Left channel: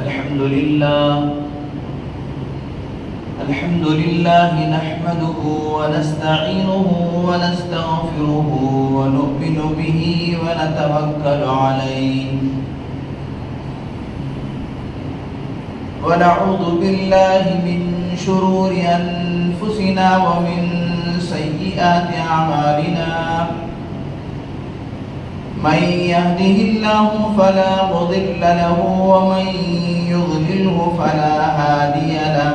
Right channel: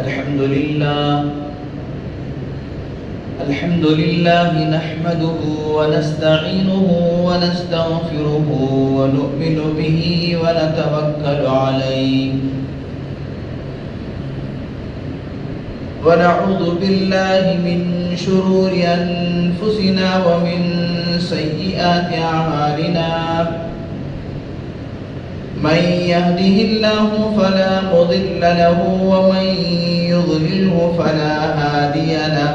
الحمد لله نحمده ونستعينه ونستغفره ونؤمن به ونتوكل عليه ونعوذ بالله من شرور أنفسنا ومن سيئات أعمالنا من يهده الله فلا مضل له ومن يضلله فلا هادي له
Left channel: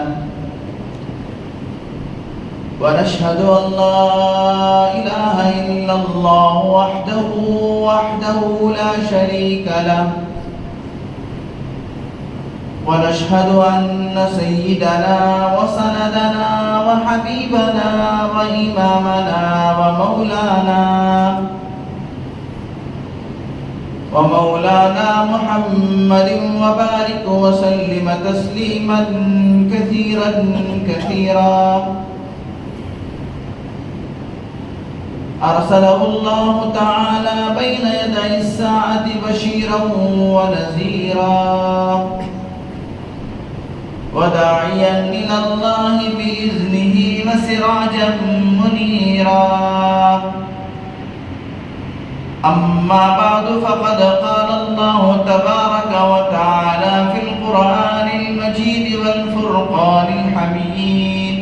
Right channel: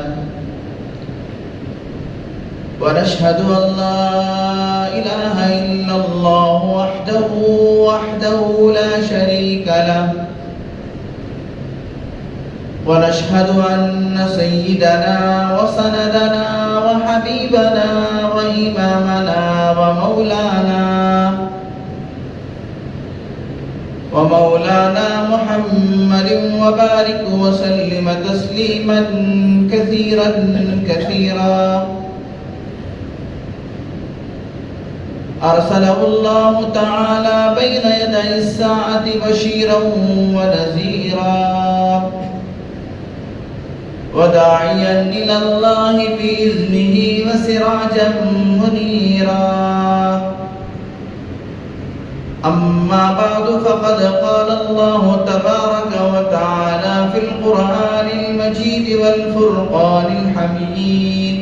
ونشهد أن لا إله إلا الله وحده لا شريك له ونشهد أن سيدنا وسندنا وحبيبنا وإمامنا ومولانا محمد وبارك وسلم تسليما كثيرا أرسله الله تعالى بين يدي الساعة بشيرا ونذيرا وداعيا إلى الله بإذنه وسراجا منيرا أما بعد فقد قال الله تبارك وتعالى في القرآن المجيد والفرقان الحميد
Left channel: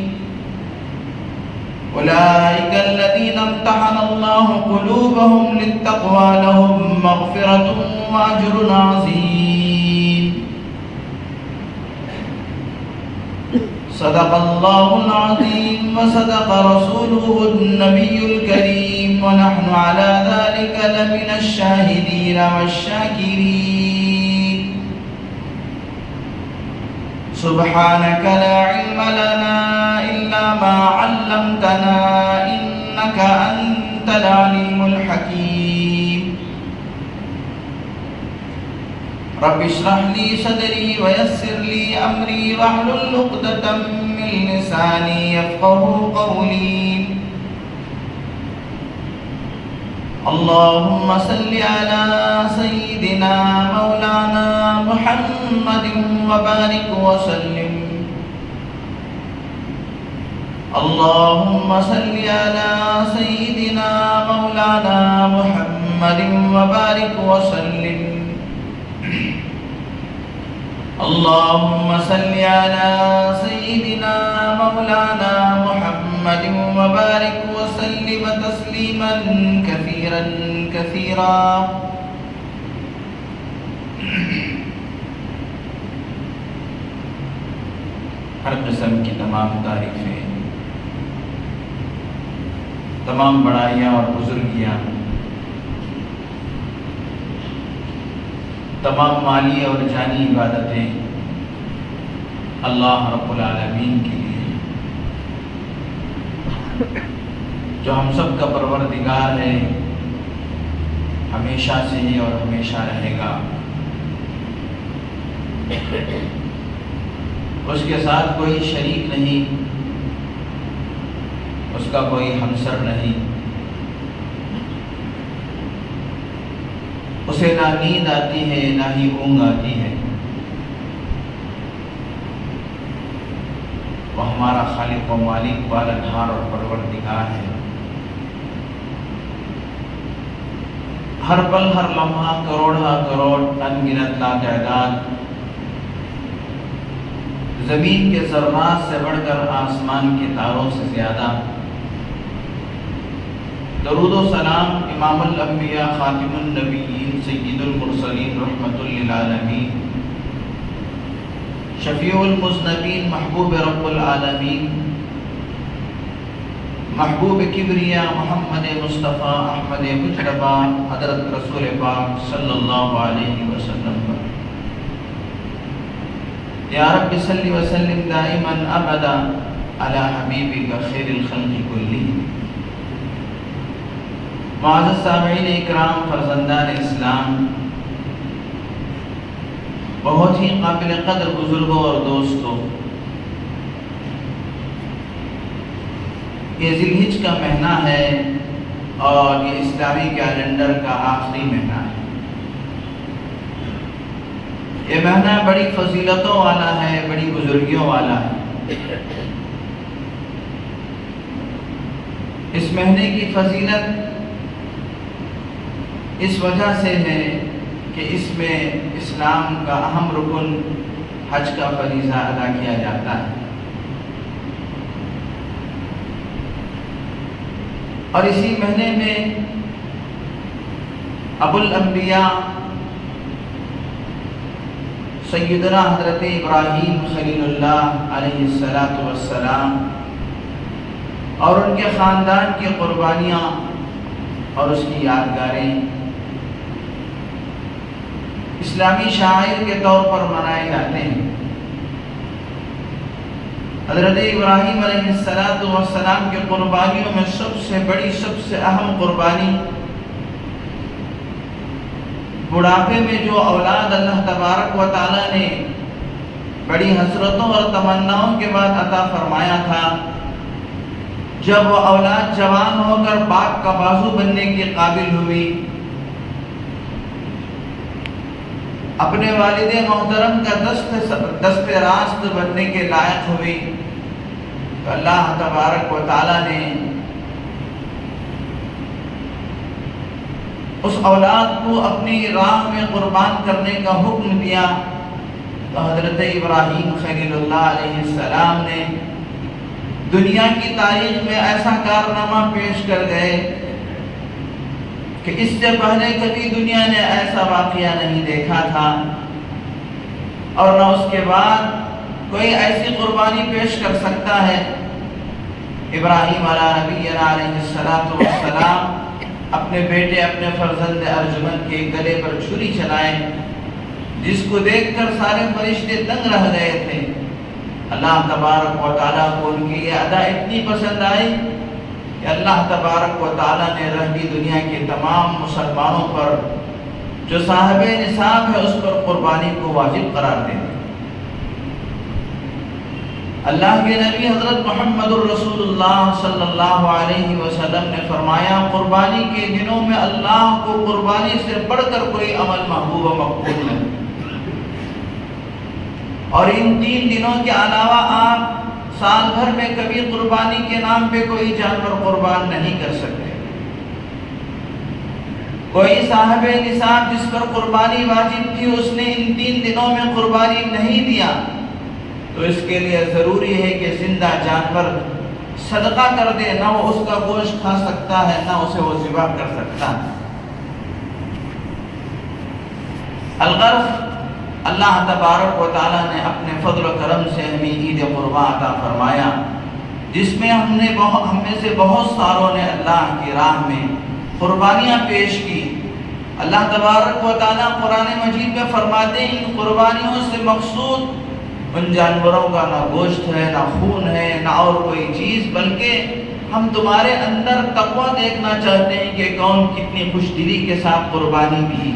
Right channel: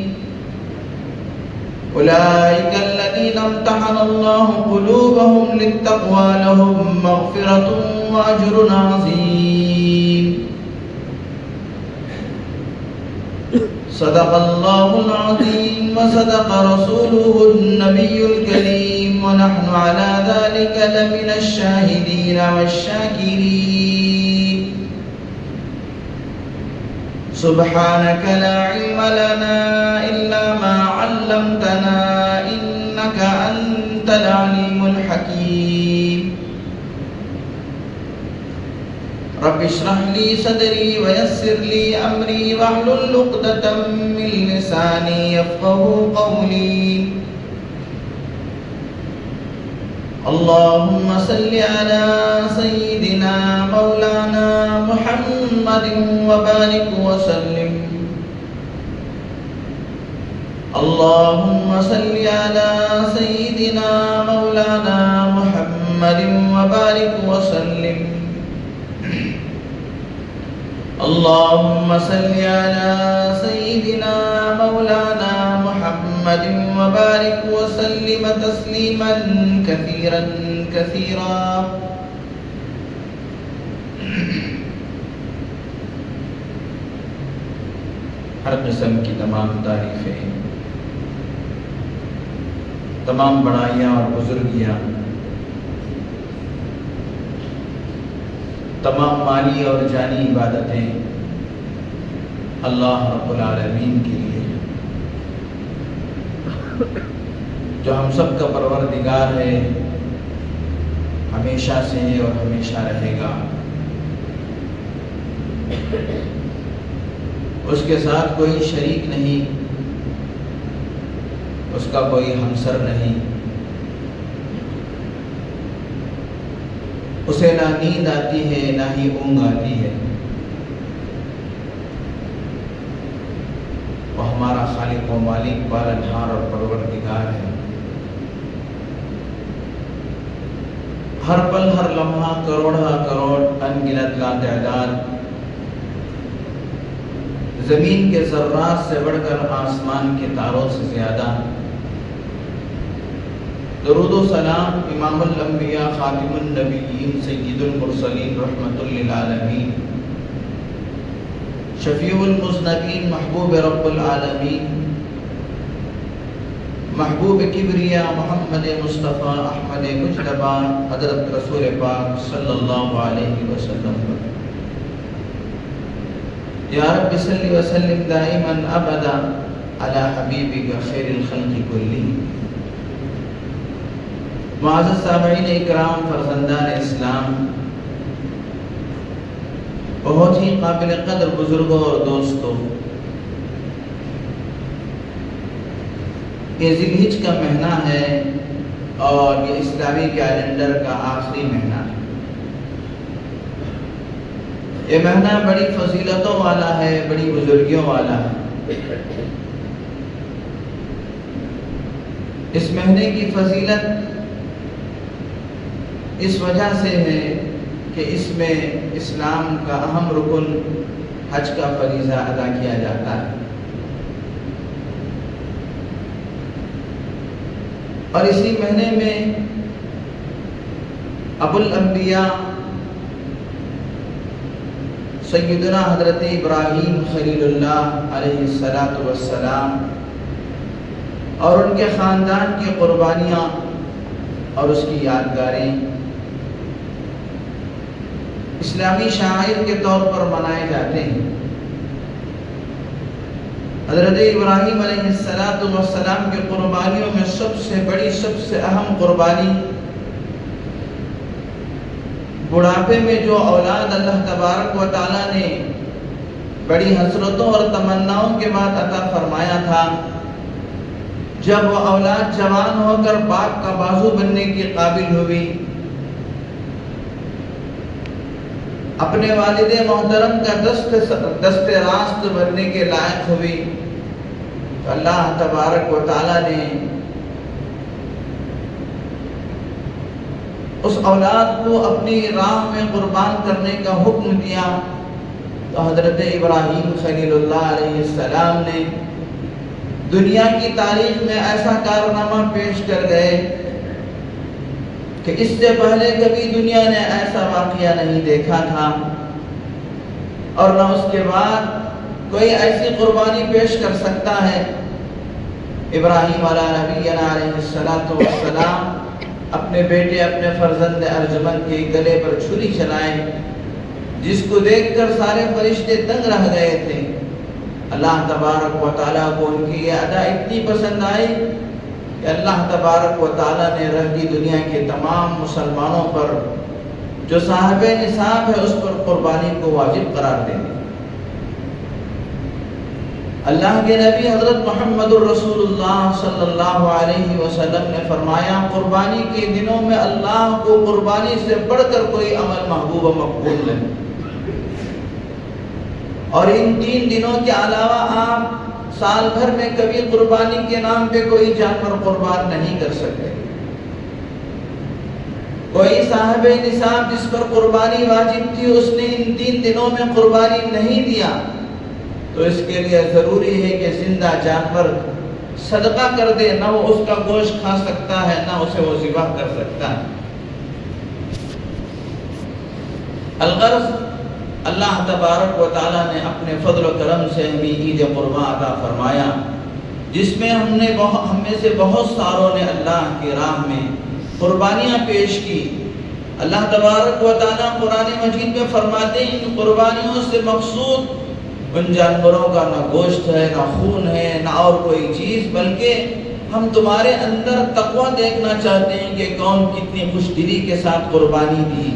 أولئك الذين امتحن الله قلوبهم للتقوى لهم مغفرة وأجر عظيم صدق الله العظيم وصدق رسوله النبي الكريم ونحن على ذلك لمن الشاهدين والشاكرين سبحانك لا علم لنا إلا ما علمتنا إنك أنت العليم الحكيم رب اشرح لي صدري ويسر لي أمري واحلل عقدة من لساني يفقهوا قولي اللهم صل على سيدنا مولانا محمد وبارك وسلم اللهم صل على سيدنا مولانا محمد وبارك وسلم اللهم صل على سيدنا مولانا محمد وبارك وسلم تسليما كثيرا ہر قسم کی تمام تعریفیں، تمام بڑائیاں اور بزرگیاں، تمام مالی اور جانی عبادتیں اللہ رب العالمین کے لیے جو ہم سب کا پروردگار ہے، ہمیشہ سے اور ہمیشہ رہے گا۔ اس کے ساتھ کوئی شریک نہیں، اس کا کوئی ہمسر نہیں، اسے نہ نیند آتی ہے نہ ہی اونگ آتی ہے۔ وہ ہمارا خالق و مالک، پالنہار اور پروردگار ہے۔ ہر پل ہر لمحہ کروڑہ کروڑ انگنت لاتعداد زمین کے ذرات سے بڑھ کر آسمان کے تاروں سے زیادہ درود و سلام امام الانبیاء خاتم النبیین سید المرسلین رحمت للعالمین شفیع المذنبین محبوب رب العالمین محبوب کبریا محمد مصطفیٰ احمد مجتبی حضرت رسول پاک صلی اللہ علیہ وسلم یا رب صلی وسلم دائما ابدا علی حبیبک خیر الخلق کلہم۔ معزز سامعین اکرام، فرزندان اسلام، بہت ہی قابل قدر بزرگوں اور دوستوں، یہ ذی الحج کا مہینہ ہے اور یہ اسلامی کیلنڈر کا آخری مہینہ ہے۔ یہ مہینہ بڑی فضیلتوں والا ہے، بڑی بزرگیوں والا ہے۔ اس مہینے کی فضیلت اس وجہ سے ہے کہ اس میں اسلام کا اہم رکن حج کا فریضہ ادا کیا جاتا ہے، اور اسی مہینے میں ابو الانبیاء سیدنا حضرت ابراہیم خلیل اللہ علیہ السلام اور ان کے خاندان کی قربانیاں اور اس کی یادگاریں اسلامی شعائر کے طور پر منائے جاتے ہیں۔ حضرت ابراہیم علیہ السلام کی قربانیوں میں سب سے بڑی، سب سے اہم قربانی بڑھاپے میں جو اولاد اللہ تبارک و تعالیٰ نے بڑی حسرتوں اور تمناؤں کے بعد عطا فرمایا تھا، جب وہ اولاد جوان ہو کر باپ کا بازو بننے کے قابل ہوئی، اپنے والد محترم کا دست راست بننے کے لائق ہوئی، تو اللہ تبارک و تعالیٰ نے اس اولاد کو اپنی راہ میں قربان کرنے کا حکم دیا۔ تو حضرت ابراہیم خلیل اللہ علیہ السلام نے دنیا کی تاریخ میں ایسا کارنامہ پیش کر گئے کہ اس سے پہلے کبھی دنیا نے ایسا واقعہ نہیں دیکھا تھا، اور نہ اس کے بعد کوئی ایسی قربانی پیش کر سکتا ہے۔ ابراہیم علیہ السلام اپنے بیٹے، اپنے فرزند ارجمند کے گلے پر چھری چلائے، جس کو دیکھ کر سارے فرشتے دنگ رہ گئے تھے۔ اللہ تبارک و تعالیٰ کو ان کی یہ ادا اتنی پسند آئی کہ اللہ تبارک و تعالیٰ نے رہی دنیا کے تمام مسلمانوں پر جو صاحب نصاب ہے اس پر قربانی کو واجب قرار دے دی۔ اللہ کے نبی حضرت محمد الرسول اللہ صلی اللہ علیہ وسلم نے فرمایا، قربانی کے دنوں میں اللہ کو قربانی سے بڑھ کر کوئی عمل محبوب و مقبول نہیں، اور ان 3 دنوں کے علاوہ آپ سال بھر میں کبھی قربانی کے نام پہ کوئی جانور قربان نہیں کر سکتے۔ کوئی صاحب نصاب جس پر قربانی واجب تھی، اس نے ان 3 دنوں میں قربانی نہیں دیا، تو اس کے لیے ضروری ہے کہ زندہ جانور صدقہ کر دے، نہ وہ اس کا گوشت کھا سکتا ہے، نہ اسے وہ ذبح کر سکتا ہے۔ الغرض، اللہ تبارک و تعالیٰ نے اپنے فضل و کرم سے ہمیں عید قربان عطا فرمایا، جس میں ہم میں سے بہت ساروں نے اللہ کی راہ میں قربانیاں پیش کی۔ اللہ تبارک و تعالیٰ قرآن مجید میں فرماتے ہیں، ان قربانیوں سے مقصود ان جانوروں کا نہ گوشت ہے، نہ خون ہے، نہ اور کوئی چیز، بلکہ ہم تمہارے اندر تقویٰ دیکھنا چاہتے ہیں کہ کون کتنی خوش دلی کے ساتھ قربانی دی،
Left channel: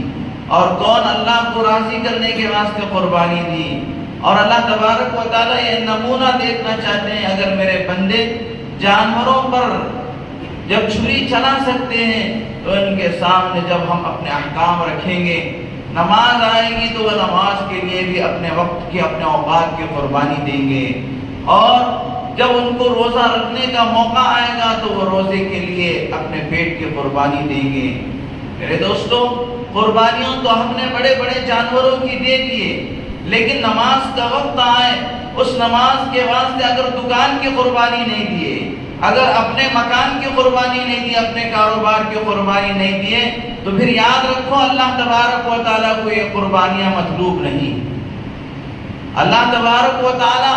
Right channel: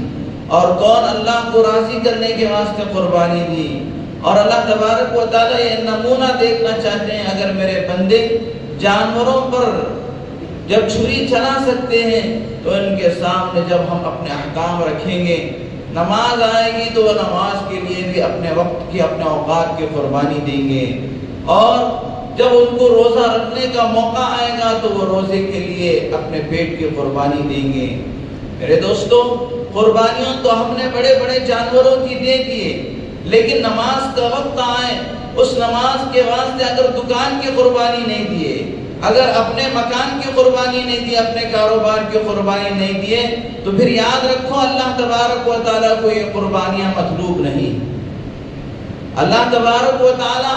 اور کون اللہ کو راضی کرنے کے واسطے قربانی دی۔ اور اللہ تبارک و تعالیٰ یہ نمونہ دیکھنا چاہتے ہیں، اگر میرے بندے جانوروں پر جب چھری چلا سکتے ہیں تو ان کے سامنے جب ہم اپنے احکام رکھیں گے، نماز آئے گی تو وہ نماز کے لیے بھی اپنے وقت کی، اپنے اوقات کی قربانی دیں گے، اور جب ان کو روزہ رکھنے کا موقع آئے گا تو وہ روزے کے لیے اپنے پیٹ کی قربانی دیں گے۔ میرے دوستوں، قربانیوں تو ہم نے بڑے بڑے جانوروں کی دے دیے، لیکن نماز کا وقت آئے، اس نماز کے واسطے اگر دکان کی قربانی نہیں دیے، اگر اپنے مکان کی قربانی نہیں دی، اپنے کاروبار کی قربانی نہیں دیے، تو پھر یاد رکھو اللہ تبارک و تعالیٰ کو یہ قربانیاں مطلوب نہیں۔ اللہ تبارک و تعالیٰ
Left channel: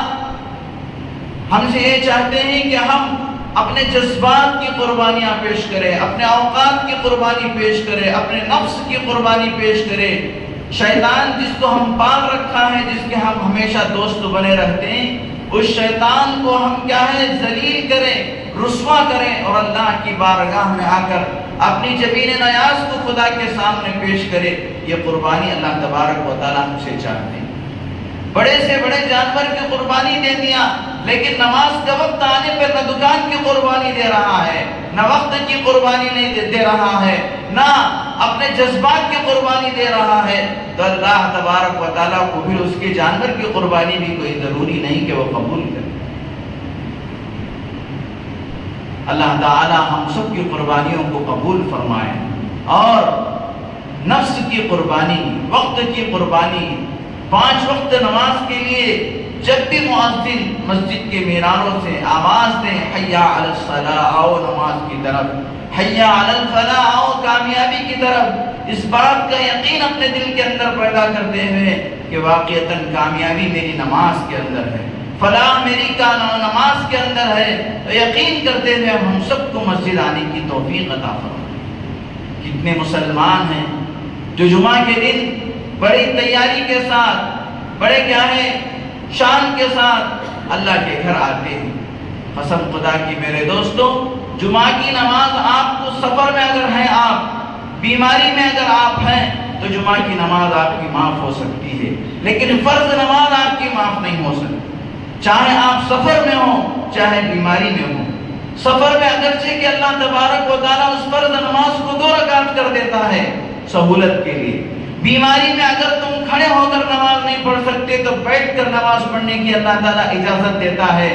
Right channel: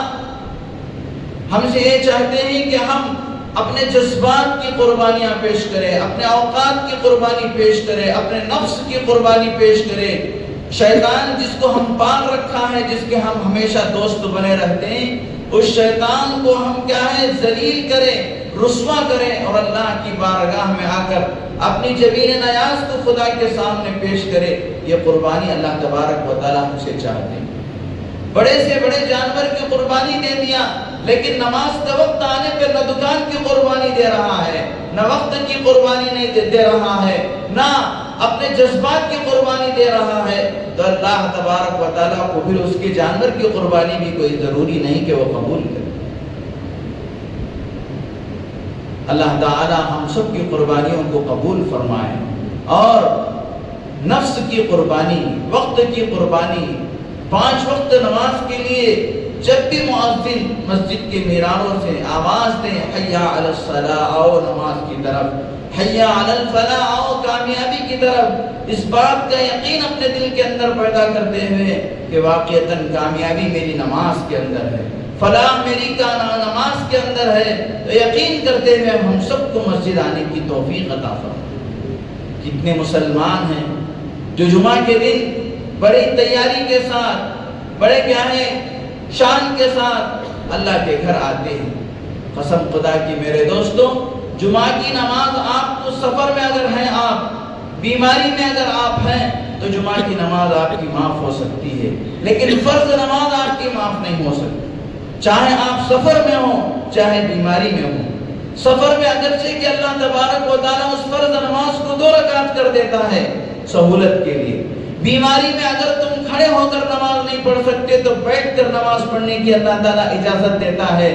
ہم سے یہ چاہتے ہیں کہ ہم اپنے جذبات کی قربانیاں پیش کریں، اپنے اوقات کی قربانی پیش کریں، اپنے نفس کی قربانی پیش کریں۔ شیطان جس کو ہم پال رکھا ہے، جس کے ہم ہمیشہ دوست بنے رہتے ہیں، اس شیطان کو ہم کیا ہے، ذلیل کریں، رسوا کریں، اور اللہ کی بارگاہ میں آ کر اپنی جبین نیاز کو خدا کے سامنے پیش کرے۔ یہ قربانی اللہ تبارک و تعالیٰ ہم سے چاہتے ہیں۔ بڑے سے بڑے جانور کی قربانی دے دیا، لیکن نماز کا وقت آنے پر نہ دکان کی قربانی دے رہا ہے، نہ وقت کی قربانی نہیں دے رہا ہے، نہ اپنے جذبات کی قربانی دے رہا ہے تو اللہ تبارک و تعالیٰ کو پھر اس کے جانور کی قربانی بھی کوئی ضروری نہیں کہ وہ قبول کرے۔ اللہ تعالیٰ ہم سب کی قربانیوں کو قبول فرمائے، اور نفس کی قربانی، وقت کی قربانی، 5 وقت نماز کے لیے جب بھی مؤذن مسجد کے میناروں سے آواز دیں حی علی الصلاۃ، آؤ نماز کی طرف، حی علی الفلاح، آؤ کامیابی کی طرف، اس بات کا یقین اپنے دل کے اندر پیدا کرتے ہوئے کہ واقعتاً کامیابی میری نماز کے اندر ہے، فلاح میری نماز کے اندر ہے، تو یقین کرتے ہوئے ہم سب کو مسجد آنے کی توفیق عطا فرمائے۔ کتنے مسلمان ہیں جو جمعہ کے دن بڑی تیاری کے ساتھ، بڑے کیا ہے شان کے ساتھ اللہ کے گھر آتے ہیں۔ قسم خدا کی میرے دوستوں، جمعہ کی نماز آپ کو سفر میں اگر ہیں، آپ بیماری میں اگر آپ ہیں تو جمعہ کی نماز آپ کی معاف ہو سکتی ہے، لیکن فرض نماز آپ کی معاف نہیں ہو سکتی، چاہے آپ سفر میں ہوں چاہے بیماری میں ہوں۔ سفر میں اگرچہ کہ اللہ تبارک و تعالیٰ اس فرض نماز کو 2 رکعت کر دیتا ہے سہولت کے لیے، بیماری میں اگر تم کھڑے ہو کر نماز نہیں پڑھ سکتے تو بیٹھ کر نماز پڑھنے کی اللہ تعالیٰ اجازت دیتا ہے،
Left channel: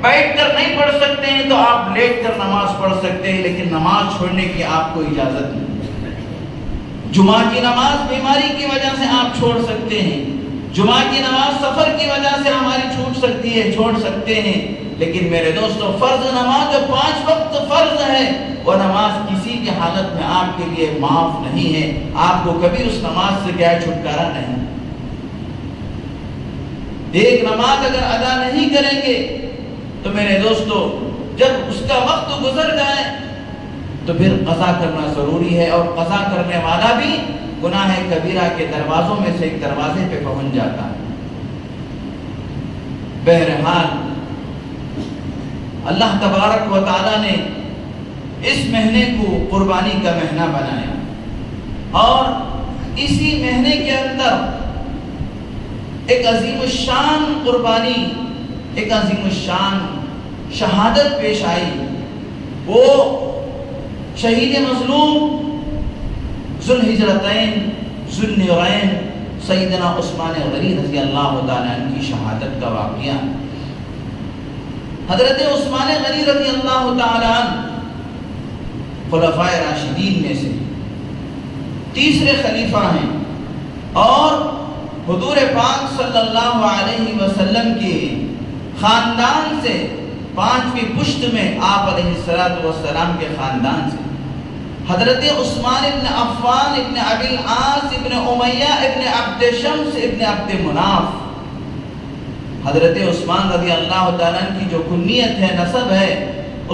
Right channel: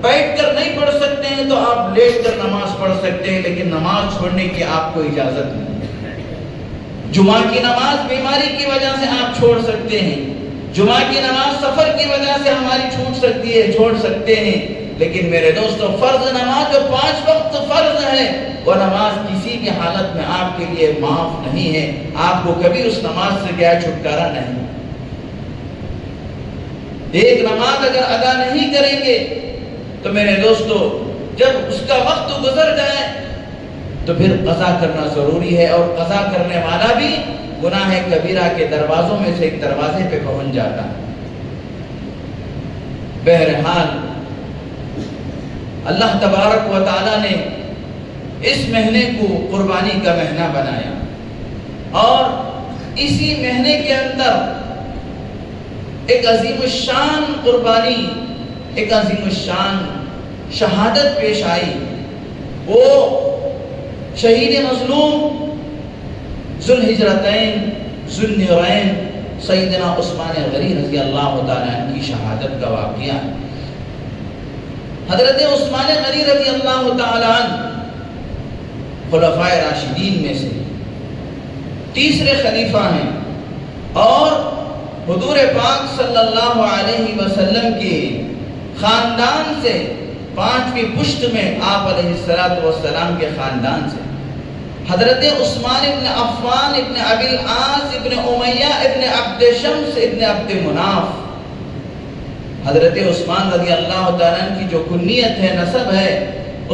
بیٹھ کر نہیں پڑھ سکتے ہیں تو آپ لیٹ کر نماز پڑھ سکتے ہیں، لیکن نماز چھوڑنے کی آپ کو اجازت نہیں۔ جمعہ کی نماز بیماری کی وجہ سے آپ چھوڑ سکتے ہیں، جمعہ کی نماز سفر کی وجہ سے ہماری چھوٹ سکتی ہے، چھوڑ سکتے ہیں، لیکن میرے دوستو فرض نماز جو 5 وقت فرض ہے، وہ نماز کسی کی حالت میں آپ کے لیے معاف نہیں ہے، آپ کو کبھی اس نماز سے کیا چھٹکارا نہیں۔ ایک نماز اگر ادا نہیں کریں گے تو میرے دوستو جب اس کا وقت گزر جائے تو پھر قضا کرنا ضروری ہے، اور قضا کرنے والا بھی گناہ کبیرہ کے دروازوں میں سے ایک دروازے پہ پہنچ جاتا ہے۔ بہرحال اللہ تبارک و تعالیٰ نے اس مہینے کو قربانی کا مہینہ بنایا، اور اسی مہینے کے اندر ایک عظیم الشان قربانی، ایک عظیم الشان شہادت پیش آئی۔ وہ شہید مظلوم ذو الہجرتین ذو النورین سیدنا عثمان غنی رضی اللہ تعالیٰ عنہ کی شہادت کا واقعہ۔ حضرت عثمان غنی رضی اللہ تعالیٰ عنہ خلفائے راشدین میں سے تیسرے خلیفہ ہیں، اور حضور پاک صلی اللہ علیہ وسلم کے خاندان سے 5ویں پشت میں آپ علیہ السلام کے خاندان سے حضرت عثمان ابن عفان ابن ابی العاص ابن امیہ ابن عبد شمس ابن عبد مناف، حضرت عثمان رضی اللہ تعالیٰ عنہ کی جو کنیت ہے، نسب ہے،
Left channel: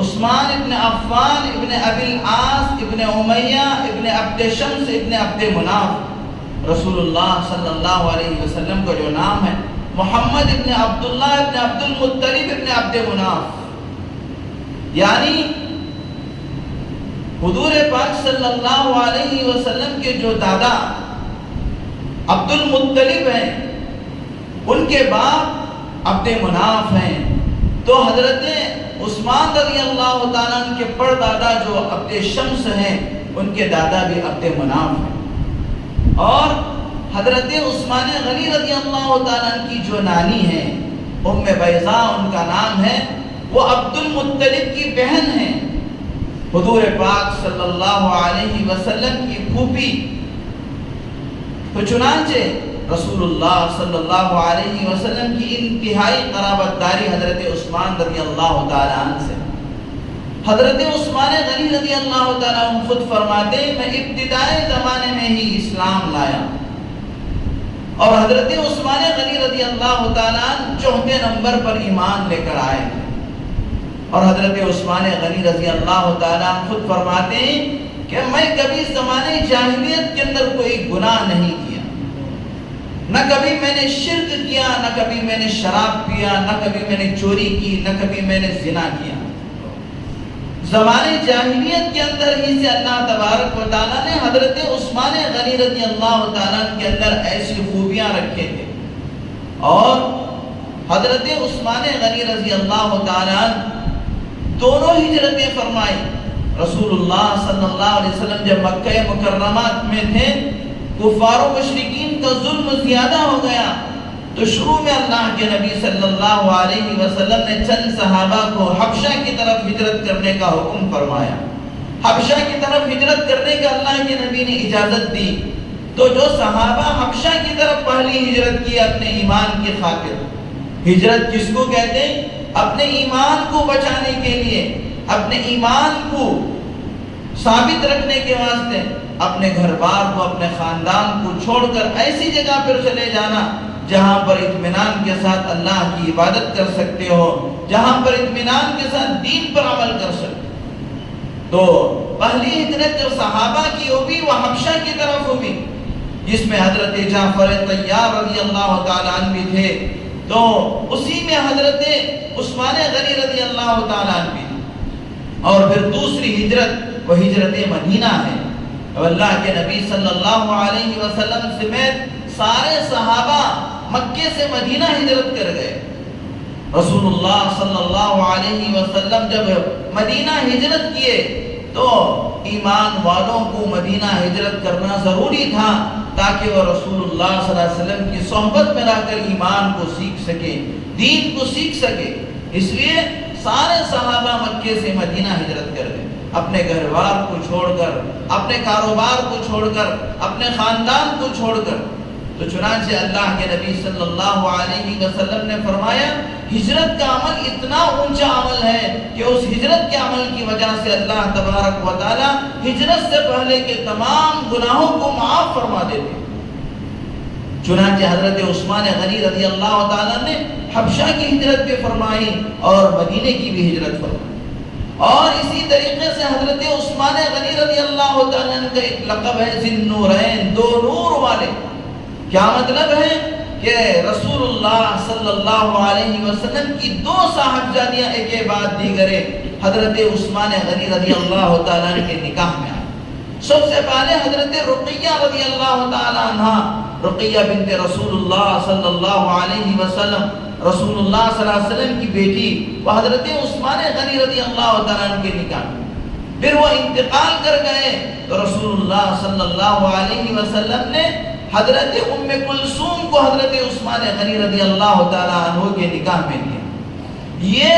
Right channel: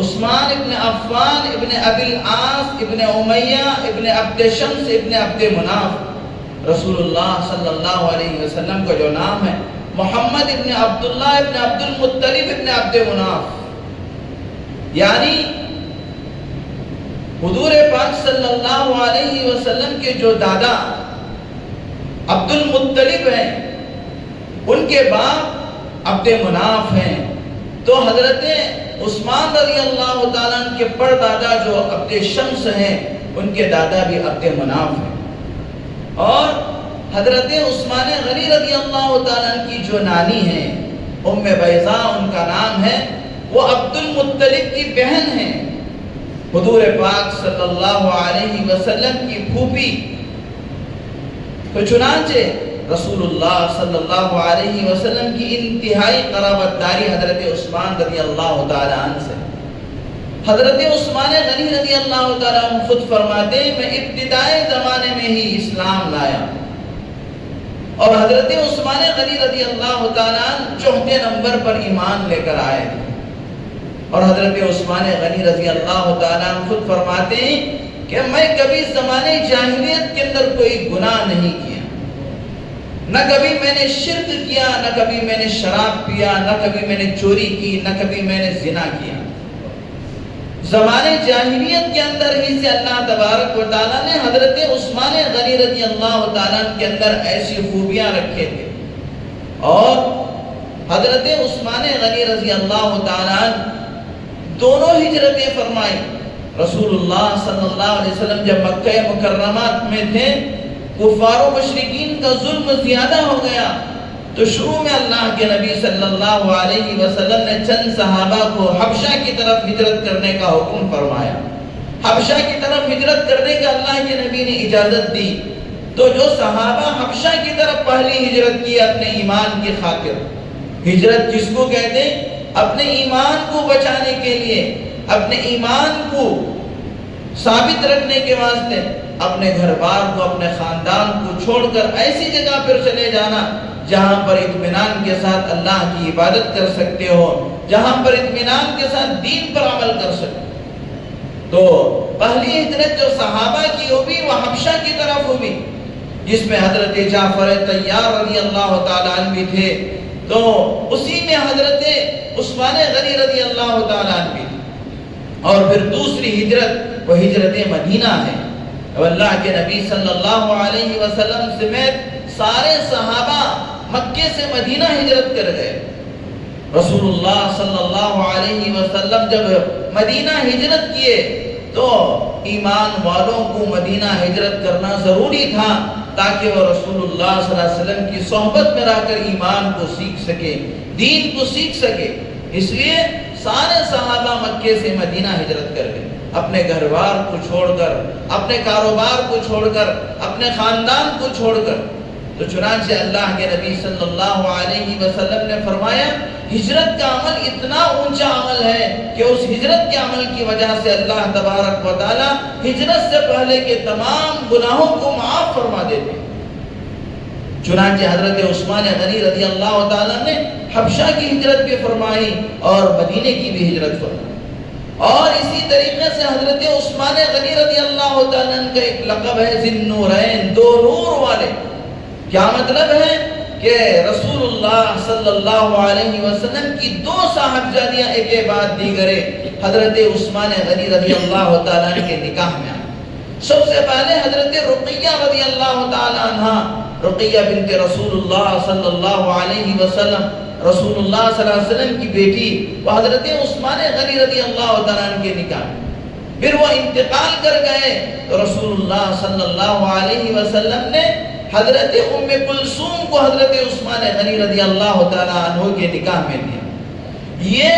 عثمان ابن عفان ابن ابی العاص ابن امیہ ابن عبد شمس ابن عبد مناف، رسول اللہ صلی اللہ علیہ وسلم کا جو نام ہے محمد ابن عبداللہ ابن عبد المطلب ابن عبد مناف، یعنی حضور پاک صلی اللہ علیہ وسلم کے جو دادا عبد المطلب ہیں، ان کے باپ عبد مناف ہیں، تو حضرت عثمان رضی اللہ تعالیٰ عنہ کے پردادا جو عبد شمس ہیں، ان کے دادا بھی عبد مناف ہیں، اور حضرت عثمان غنی رضی اللہ تعالیٰ عنہ کی جو نانی ہیں ام بیضاء ان کا نام ہے، وہ عبد المطلب کی بہن ہیں، حضور پاک صلی اللہ علیہ وسلم کی پھوپھی۔ تو چنانچہ رسول اللہ صلی اللہ علیہ وسلم کی انتہائی قرابت داری حضرت عثمان رضی اللہ تعالیٰ عنہ سے۔ حضرت عثمان غنی رضی اللہ تعالیٰ عنہ خود فرماتے ہیں میں ابتدائی زمانے میں ہی اسلام لایا، اور حضرت عثمان غنی رضی اللہ تعالیٰ عنہ 4تھے نمبر پر ایمان لے کر آئے، اور حضرت عثمان غنی رضی اللہ تعالیٰ عنہ خود فرماتے ہیں کہ میں کبھی زمانے جاہلیت کے اندر کوئی گناہ نہیں کیا، نہ کبھی میں نے شرک کیا، نہ کبھی میں نے شراب پیا، نہ کبھی میں نے چوری کی، نہ کبھی میں نے زنا کیا۔ زمانے جاہلیت کے اندر ہی سے اللہ تبارک و تعالیٰ نے حضرت عثمان غنی رضی اللہ تعالیٰ کے اندر ایسی خوبیاں رکھے تھے، اور حضرت عثمان غنی رضی اللہ تعالیٰ دونوں ہجرتیں فرمائی۔ رسول اللہ صلی اللہ علیہ وسلم جب مکہ مکرمہ میں تھے، کفار و مشرکین کا ظلم زیادہ ہو گیا، تو شروع میں اللہ کے نبی صلی اللہ علیہ وسلم نے چند صحابہ کو حبشہ کی طرف ہجرت کرنے کا حکم فرمایا۔ حبشہ کی طرف ہجرت کرنے کا اللہ کے نبی نے اجازت دی۔ تو جو صحابہ حبشہ کی طرف پہلی ہجرت کی اپنے ایمان کی خاطر، ہجرت کس کو کہتے ہیں؟ اپنے ایمان کو بچانے کے لیے، اپنے ایمان کو ثابت رکھنے کے واسطے اپنے گھر بار کو، اپنے خاندان کو چھوڑ کر ایسی جگہ پر چلے جانا جہاں پر اطمینان کے ساتھ اللہ کی عبادت کر سکتے ہو، جہاں پر اطمینان کے ساتھ دین پر عمل کر سکتے۔ تو پہلی ہجرت جو صحابہ کی ہوئی وہ حبشہ کی طرف ہوئی، جس میں حضرت جعفر طیار رضی اللہ تعالیٰ عنہ بھی تھے، تو اسی میں حضرت عثمان غنی رضی اللہ تعالیٰ عنہ بھی تھے۔ اور پھر دوسری ہجرت وہ ہجرت مدینہ ہے۔ اب اللہ کے نبی صلی اللہ علیہ وسلم سمیت سارے صحابہ مکے سے مدینہ ہجرت کر گئے۔ رسول اللہ صلی اللہ علیہ وسلم جب مدینہ ہجرت کیے تو ایمان والوں کو مدینہ ہجرت کرنا ضروری تھا، تاکہ وہ رسول اللہ صلی اللہ علیہ وسلم کی صحبت میں رہ کر ایمان کو سیکھ سکے، دین کو سیکھ سکے۔ اس لیے سارے صحابہ مکے سے مدینہ ہجرت کر گئے، اپنے گھر بار کو چھوڑ کر، اپنے کاروبار کو چھوڑ کر، اپنے خاندان کو چھوڑ کر۔ تو چنانچہ اللہ کے نبی صلی اللہ علیہ وسلم نے فرمایا، ہجرت کا عمل اتنا اونچا عمل ہے کہ اس ہجرت کے عمل کی وجہ سے اللہ تبارک و تعالی ہجرت سے پہلے کے تمام گناہوں کو معاف فرما دیتے۔ چنانچہ حضرت عثمان غنی رضی اللہ تعالیٰ نے حبشہ کی ہجرت بھی فرمائی اور مدینے کی بھی ہجرت فرمائی۔ اور اسی طریقے سے حضرت عثمان غنی رضی اللہ تعالیٰ کا ایک لقب ہے ذی النورین، دو نور والے۔ کیا مطلب ہے کہ رسول اللہ صلی اللہ علیہ وسلم کی دو صاحبزادیاں ایک کے بعد دیگرے حضرت عثمان غنی رضی اللہ تعالیٰ کے نکاح میں آئے۔ سب سے پہلے حضرت رقیہ رضی اللہ تعالیٰ عنہ، رقیہ بنت رسول اللہ صلی اللہ علیہ وسلم، رسول اللہ صلی اللہ علیہ وسلم کی بیٹی، وہ حضرت عثمان غنی رضی اللہ تعالیٰ عنہ کے نکاح میں۔ پھر وہ انتقال کر گئے تو رسول اللہ صلی اللہ علیہ وسلم نے حضرت ام کلثوم کو حضرت عثمان غنی رضی اللہ تعالیٰ عنہ کے نکاح میں دیا۔ یہ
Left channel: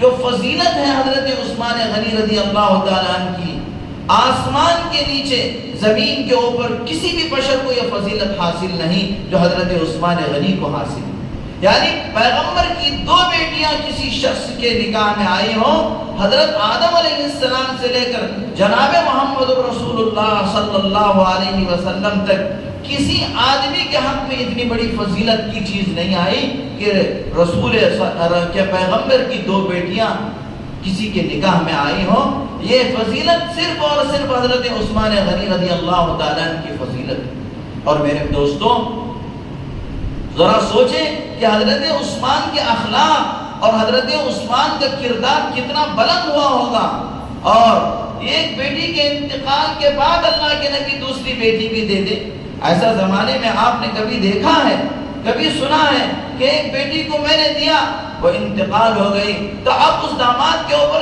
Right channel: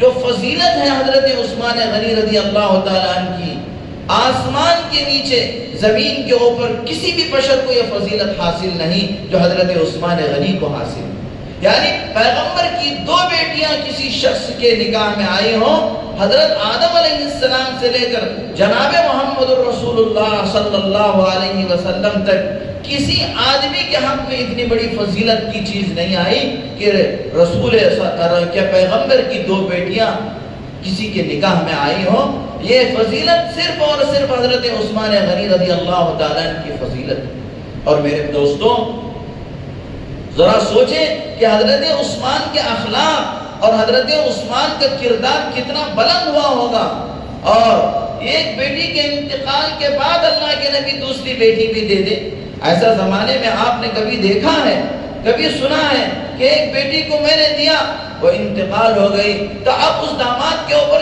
جو فضیلت ہے حضرت عثمان غنی رضی اللہ تعالیٰ عنہ کی، آسمان کے نیچے زمین کے اوپر کسی بھی بشر کو یہ فضیلت حاصل نہیں جو حضرت عثمان غنی کو حاصل ہے۔ یعنی پیغمبر کی دو بیٹیاں کسی شخص کے نکاح میں آئی ہوں، حضرت آدم علیہ السلام سے لے کر جناب محمد رسول اللہ صلی اللہ علیہ وسلم تک کسی آدمی کے حق میں اتنی بڑی فضیلت کی چیز نہیں آئی کہ رسول کے پیغمبر کی دو بیٹیاں کسی کے نکاح میں آئی ہوں۔ یہ فضیلت صرف اور صرف حضرت عثمان غنی رضی اللہ تعالیٰ عنہ کی فضیلت۔ اور میرے دوستوں ذرا سوچیں کہ حضرت عثمان کے اخلاق اور حضرت عثمان کا کردار کتنا بلند ہوا ہوگا، اور ایک بیٹی کے انتقال کے بعد اللہ کے نبی دوسری بیٹی بھی دے دے۔ ایسا زمانے میں آپ نے کبھی دیکھا ہے، کبھی سنا ہے کہ ایک بیٹی کو میں نے دیا، وہ انتقال ہو گئی تو اب اس داماد کے اوپر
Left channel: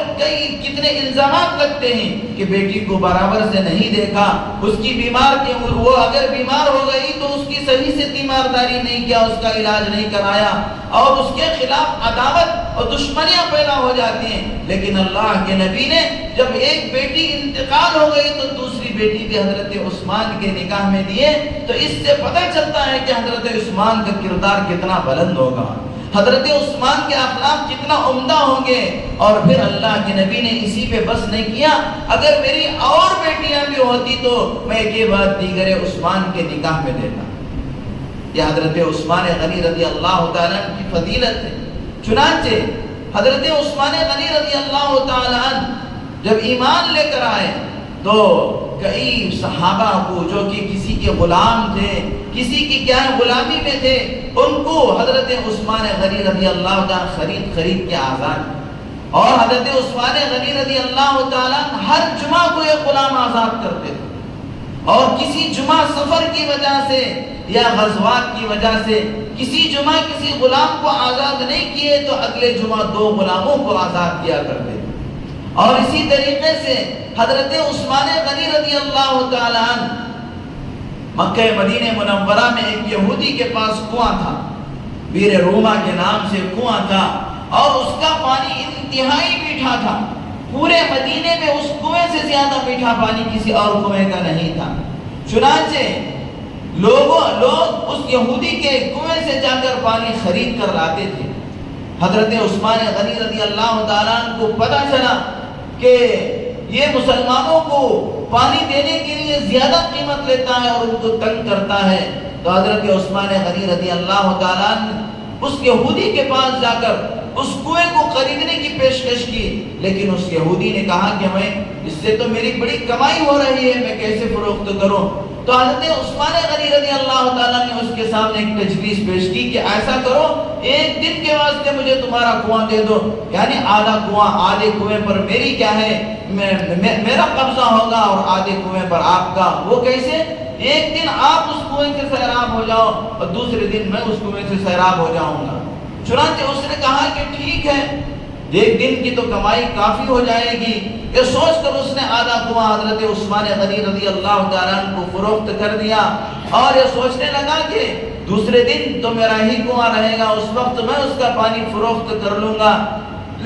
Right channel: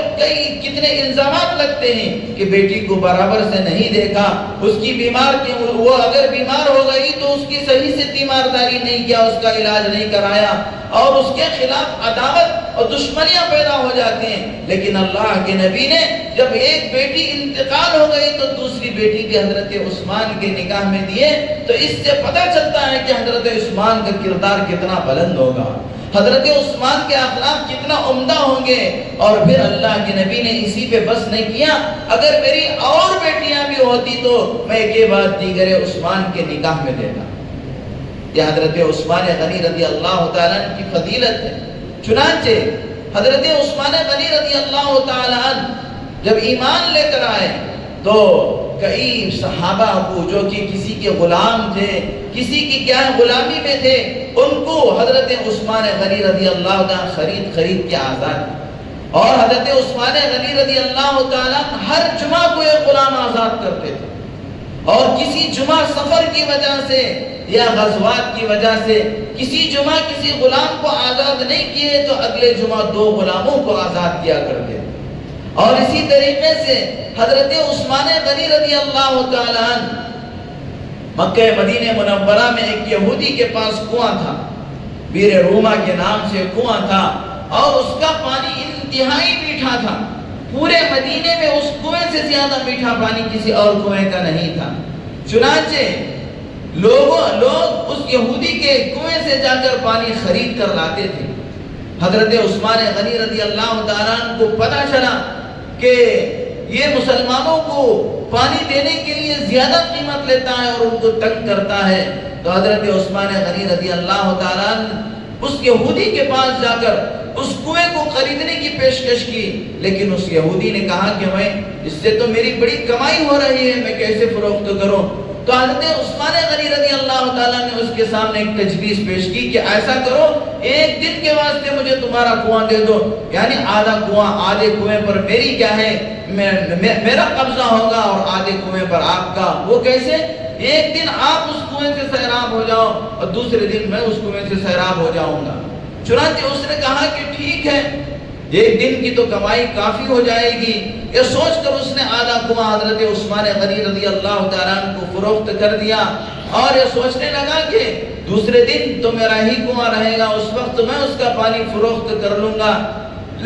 کتنے الزامات لگتے ہیں کہ بیٹی کو برابر سے نہیں دیکھا، اس کی بیمار کے وہ اگر بیمار ہو گئی تو اس کی صحیح سے تیمارداری نہیں کیا، اس کا علاج نہیں کرایا، اور اس کے خلاف عداوت اور دشمنیاں پیدا ہو جاتی ہیں۔ لیکن اللہ کے نبی نے جب ایک بیٹی انتقال ہو گئی تو دوسری بیٹی بھی حضرت عثمان کے نکاح میں دیے، تو اس سے پتہ چلتا ہے کہ حضرت عثمان کا کردار کتنا بلند ہوگا، حضرت عثمان کے اخلاق کتنا عمدہ ہوں گے۔ اور پھر اللہ کے نبی نے اسی پہ بس نہیں کیا، اگر میری اور بیٹیاں بھی ہوتی تو میں ایک کے بعد دیگر عثمان کے نکاح میں دیتا۔ یہ حضرت عثمان غنی رضی اللہ تعالیٰ عنہ کی فضیلت ہے۔ چنانچہ حضرت عثمان غنی رضی اللہ تعالیٰ عنہ جب ایمان لے کر آئے تو کئی صحابہ کو جو کہ کسی کے غلام تھے، کسی کی کیا غلامی میں تھے، ان کو حضرت عثمان غنی رضی اللہ تعالیٰ خرید کے آزاد، اور حضرت عثمان غنی رضی اللہ تعالیٰ ہر جمعہ کو ایک غلام آزاد کرتے تھے، اور کسی جمعہ سفر کی وجہ سے یا غزوات کی وجہ سے کسی جمعہ کسی غلام کو آزاد نہیں کیے تو اگلے جمعہ دو غلاموں کو آزاد کیا کرتے تھے۔ اور اسی طریقے سے حضرت عثمان غنی رضی اللہ تعالیٰ عنہ، مکہ مدینہ منورہ میں ایک یہودی کے پاس کنواں تھا، بیر روما کے نام سے کنواں تھا، اور اس کا پانی انتہائی میٹھا تھا۔ پورے مدینے میں اس کنویں سے زیادہ میٹھا پانی کسی اور کنویں کا نہیں تھا۔ چنانچہ لوگ اس یہودی کے کنویں سے جا کر پانی خرید کر لاتے تھے۔ حضرت عثمان غنی رضی اللہ تعالیٰ عنہ کو پتہ چلا کہ یہ مسلمانوں کو پانی دینے کے لیے زیادہ قیمت لیتا ہے اور ان کو تنگ کرتا ہے، تو حضرت عثمان غنی رضی اللہ تعالیٰ عنہ اس یہودی کے پاس جا کر اس کنویں کو خریدنے کی پیشکش کی، لیکن اس یہودی نے کہا کہ میں اس سے تو میری بڑی کمائی ہو رہی ہے، میں کیسے فروخت کروں؟ تو حضرت عثمان غنی رضی اللہ تعالیٰ نے اس کے سامنے ایک تجویز پیش کی کہ ایسا کرو، ایک دن کے واسطے مجھے تمہارا کنواں دے دو، یعنی آدھا کنواں، آدھے کنویں پر میری کیا ہے، میرا قبضہ ہوگا اور آدھے کنویں پر آپ کا۔ وہ کیسے؟ ایک دن آپ اس کنویں سے سیراب ہو جاؤ اور دوسرے دن میں اس کنویں سے سیراب ہو جاؤں گا۔ چنانچہ اس نے کہا کہ ٹھیک ہے، ایک دن کی تو کمائی کافی ہو جائے گی۔ یہ سوچ کر اس نے آدھا کنواں حضرت عثمان غنی رضی اللہ تعالیٰ عنہ کو فروخت کر دیا، اور یہ سوچنے لگا کہ دوسرے دن تو میرا ہی کنواں رہے گا، اس وقت میں اس کا پانی فروخت کر لوں گا۔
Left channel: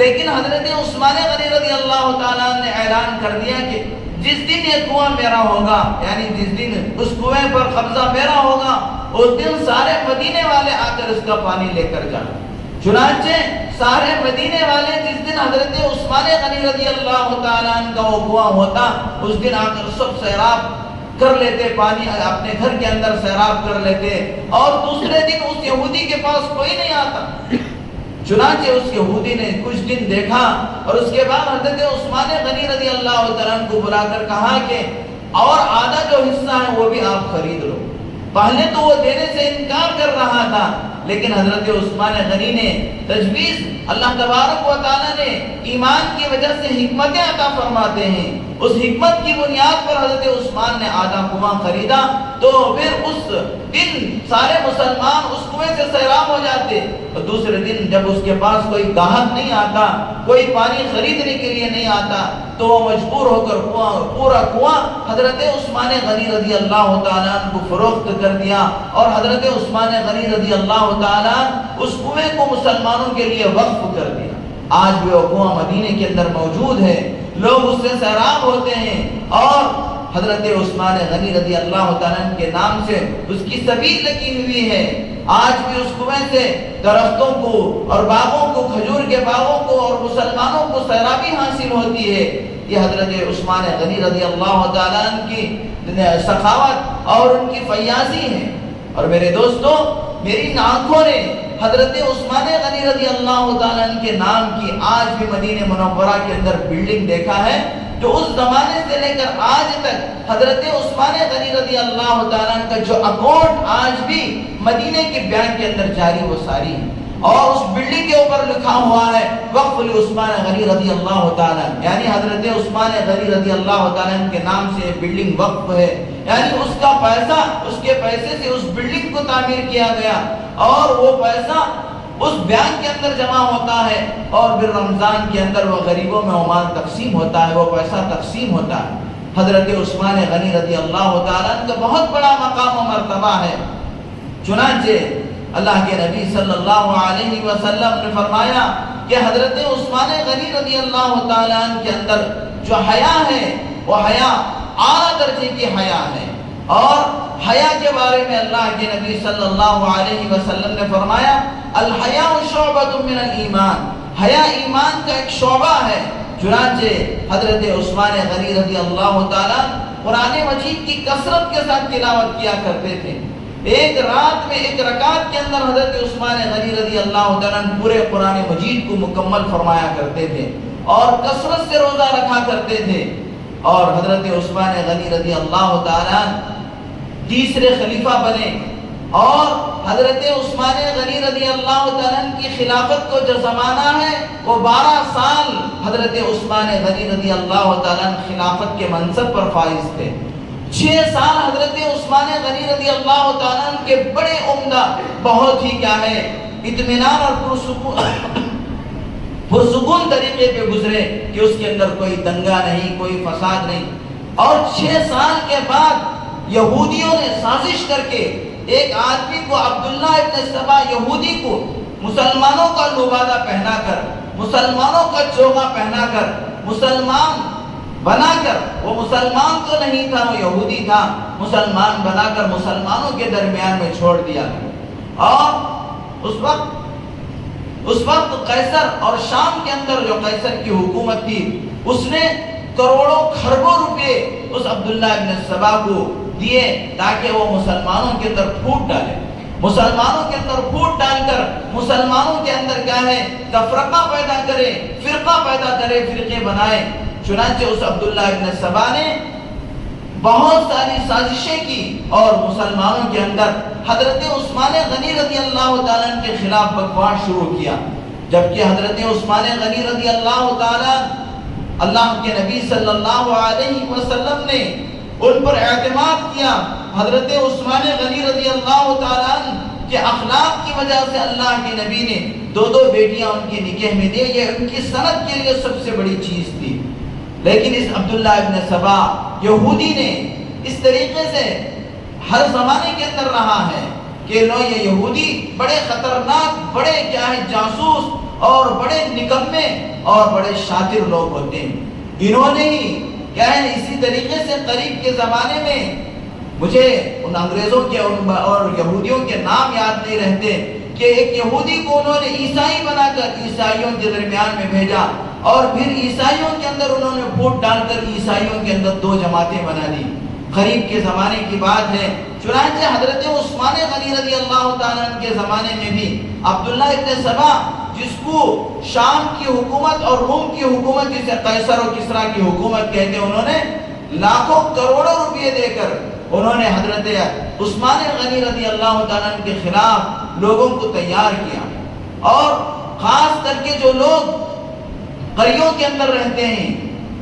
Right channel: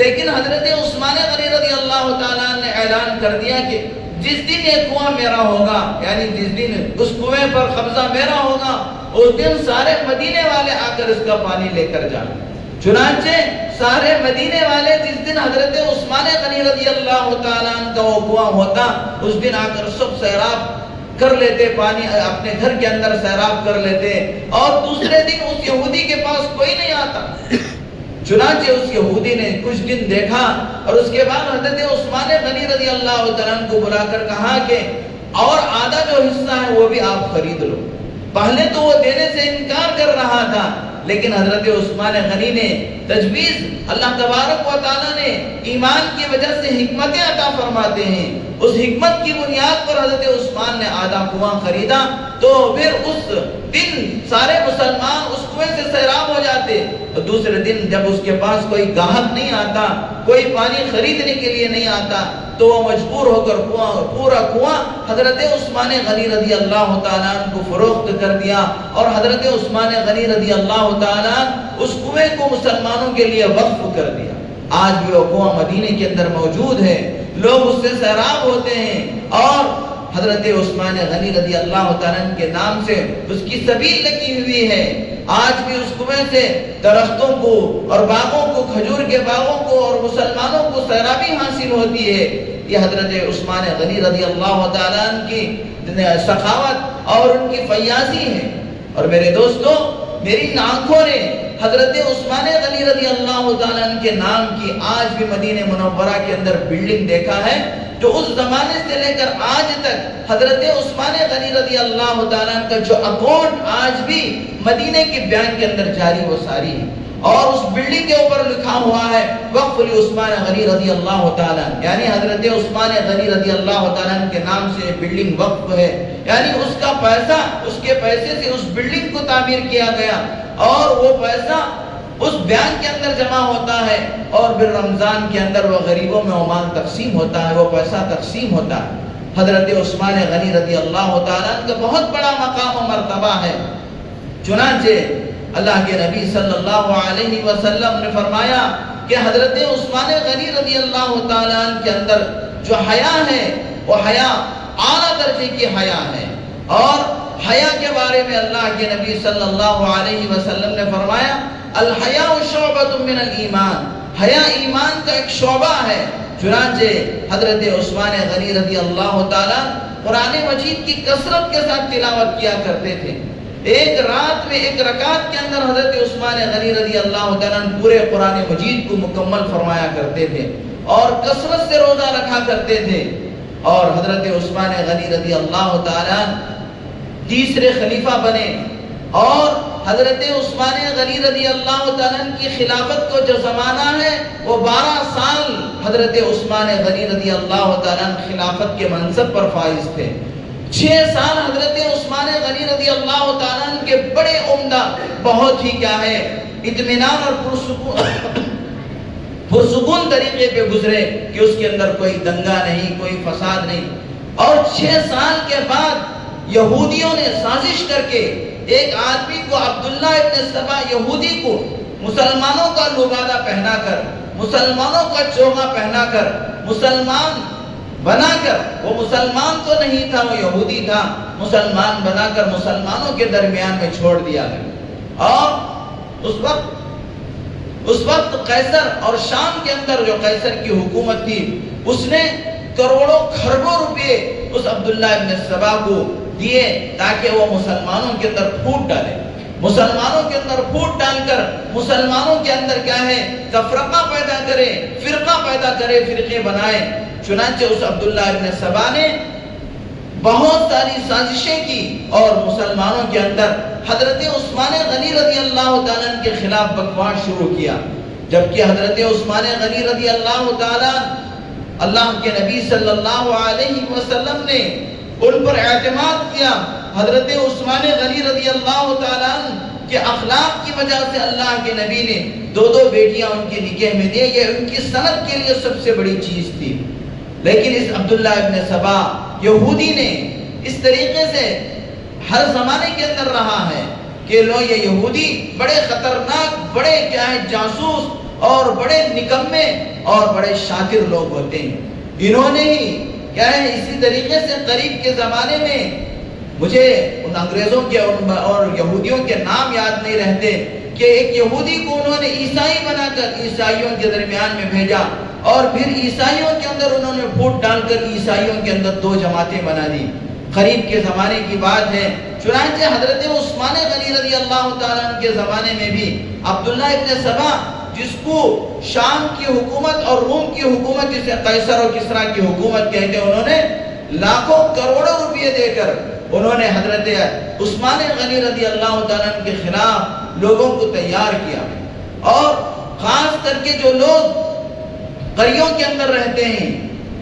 لیکن حضرت عثمان غنی رضی اللہ تعالیٰ عنہ نے اعلان کر دیا کہ جس دن یہ کنواں میرا ہوگا، یعنی جس دن اس کنویں پر قبضہ میرا ہوگا، اس دن سارے مدینے والے آ کر اس کا پانی لے کر جائیں۔ چنانچہ سارے مدینے والے جس دن حضرت عثمان غنی رضی اللہ تعالیٰ عنہ کا وہ کنواں ہوتا، اس دن آ کر سب سیراب کر لیتے، پانی اپنے گھر کے اندر سیراب کر لیتے، اور دوسرے دن اس یہودی کے پاس کوئی نہیں آتا۔ چنانچہ اس یہودی نے کچھ دن دیکھا، اور اس کے بعد حضرت عثمان غنی رضی اللہ تعالیٰ عنہ کو بلا کر کہا کہ اور آدھا جو حصہ ہے وہ بھی آپ خرید لو۔ پہلے تو وہ دینے سے انکار کر رہا تھا، لیکن حضرت عثمان غنی نے تجویز، اللہ تبارک و تعالیٰ نے ایمان کی وجہ سے حکمتیں عطا فرماتے ہیں، اس حکمت کی بنیاد پر حضرت عثمان نے آدھا کنواں خریدا، تو پھر اس دن سارے مسلمان اس کنویں سے سیراب ہو جاتے، اور دوسرے دن جب اس کے پاس کوئی گاہک نہیں آتا، کوئی پانی خریدنے کے لیے نہیں آتا، تو وہ مجبور ہو کر پورا کنواں حضرت عثمان غنی رضی اللہ تعالیٰ عنہ کو فروخت کر دیا، اور حضرت عثمان غنی رضی اللہ تعالیٰ عنہ اس کنویں کو مسلمانوں کے لیے وقف کر دیا۔ آج بھی وہ کنواں مدینے کے اندر موجود ہے، لوگ اس سے سیراب ہوتے ہیں، اور حضرت عثمان غنی رضی اللہ تعالیٰ عنہ کے نام سے اس کی سبیل لگی ہوئی ہے۔ آج بھی اس کنویں سے درختوں کو اور باغوں کو، کھجور کے باغوں کو اور مسلمانوں کو سیرابی حاصل ہوتی ہے۔ یہ حضرت عثمان غنی رضی اللہ تعالیٰ عنہ کی سخاوت اور ان کی فیاضی ہے۔ اور میرے دوستوں، میری آنکھوں نے حضرت عثمان غنی رضی اللہ تعالیٰ عنہ کے نام کی آج بھی مدینہ منورہ کے اندر بلڈنگ دیکھا ہے، جو اس زمانے سے لے کر آج تک حضرت عثمان غنی رضی اللہ تعالیٰ عنہ کا جو اکاؤنٹ آج بھی مدینہ کے بینک کے اندر جاری و ساری ہے، اور اس بلڈنگ کے اوپر لکھا ہوا ہے وقف عثمان غنی رضی اللہ تعالیٰ عنہ، یعنی حضرت عثمان غنی رضی اللہ تعالیٰ عنہ کے نام سے بلڈنگ وقف ہے، یعنی اس کا پیسہ، اس کے پیسے سے اس بلڈنگ کو تعمیر کیا گیا، اور وہ پیسہ اس بینک کے اندر جمع ہوتا ہے، اور پھر رمضان کے اندر وہ غریبوں میں عمال تقسیم ہوتا ہے، وہ پیسہ تقسیم ہوتا ہے۔ حضرت عثمان غنی رضی اللہ تعالیٰ عنہ کا بہت بڑا مقام و مرتبہ ہے۔ چنانچہ اللہ کے نبی صلی اللہ علیہ وسلم نے فرمایا کہ حضرت عثمان غنی رضی اللہ تعالیٰ عنہ کے اندر جو حیا ہے، وہ حیا اعلیٰ درجے کی حیا ہے، اور حیا کے بارے میں اللہ کے نبی صلی اللہ علیہ وسلم نے فرمایا الحیاء شعبۃ من الایمان، حیا ایمان کا ایک شعبہ ہے۔ چنانچہ حضرت عثمان غنی رضی اللہ تعالیٰ قرآن مجید کی کثرت کے ساتھ تلاوت کیا کرتے تھے۔ ایک رات میں ایک رکعت کے اندر حضرت عثمان غنی رضی اللہ تعالیٰ پورے قرآن مجید کو مکمل فرمایا کرتے تھے، اور کثرت سے روزہ رکھا کرتے تھے۔ اور حضرت عثمان غنی رضی اللہ تعالیٰ تیسرے خلیفہ بنے، اور حضرت عثمان غنی رضی اللہ تعالیٰ کی خلافت کو جو زمانہ ہے وہ 12 سال حضرت عثمان غنی رضی اللہ تعالیٰ خلافت کے منصب پر فائز تھے۔ 6 سال حضرت عثمان غنی رضی اللہ تعالیٰ کے بڑے عمدہ، بہت ہی کیا ہے، اطمینان اور پرسکون طریقے پہ گزرے کہ اس کے اندر کوئی دنگا نہیں، کوئی فساد نہیں۔ اور 6 سال کے بعد یہودیوں نے سازش کر کے ایک آدمی کو، عبداللہ ابن سبا یہودی کو، مسلمانوں کا لبادہ پہنا کر، مسلمانوں کا چوغا پہنا کر، مسلمان بنا کر، وہ مسلمان تو نہیں تھا، وہ یہودی تھا، مسلمان بنا کر مسلمانوں کے درمیان میں چھوڑ دیا۔ اور اس وقت قیصر اور شام کے اندر جو قیصر کی حکومت تھی، اس نے کروڑوں کھربوں روپے اس عبداللہ ابن سبا کو دیے تاکہ وہ مسلمانوں کے اندر پھوٹ ڈالے، مسلمانوں کے اندر پھوٹ ڈال کر مسلمانوں کے اندر کیا ہے تفرقہ پیدا کرے، فرقہ پیدا کرے، فرقے بنائے۔ چنانچہ اس عبداللہ ابن سبا نے بہت ساری سازشیں کی اور مسلمانوں کے اندر حضرت عثمان غنی رضی اللہ تعالیٰ عنہ کے خلاف بکواس شروع کیا، جبکہ حضرت عثمان غنی رضی اللہ تعالیٰ اللہ کے نبی صلی اللہ علیہ وسلم نے ان پر اعتماد کیا۔ حضرت عثمان غنی رضی اللہ تعالیٰ عنہ کے اخلاق کی وجہ سے اللہ کے نبی نے 2 بیٹیاں ان کے نکاح میں دی، یہ ان کی سند کے لیے سب سے بڑی چیز تھی۔ لیکن اس عبداللہ ابن سبا یہودی نے اس طریقے سے ہر زمانے کے اندر رہا ہے کہ یہ یہودی بڑے خطرناک، بڑے کیا ہے جاسوس اور بڑے نکمے اور بڑے شاطر لوگ ہوتے ہیں۔ انہوں نے ہی کیا ہے اسی طریقے سے قریب کے زمانے میں، مجھے ان انگریزوں کے اور یہودیوں کے نام یاد نہیں رہتے، کہ ایک یہودی کو انہوں نے عیسائی بنا کر عیسائیوں کے درمیان میں بھیجا، اور پھر عیسائیوں کے اندر انہوں نے پھوٹ ڈال کر عیسائیوں کے اندر 2 جماعتیں بنا دی۔ قریب کے زمانے کی بات ہے، چنانچہ حضرت عثمان غنی رضی اللہ تعالیٰ عنہ کے زمانے میں بھی عبداللہ ابن سبا، جس کو شام کی حکومت اور روم کی حکومت، جسے قیصر و کسریٰ کی حکومت کہتے ہیں، انہوں نے لاکھوں کروڑوں روپے دے کر انہوں نے حضرت عثمان غنی رضی اللہ تعالیٰ عنہ کے خلاف لوگوں کو تیار کیا۔ اور خاص کر کے جو لوگ قریوں کے اندر رہتے ہیں،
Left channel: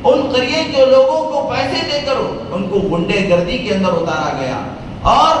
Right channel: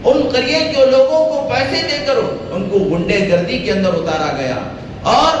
ان قریے کے لوگوں کو پیسے دے کر ان کو غنڈے گردی کے اندر اتارا گیا، اور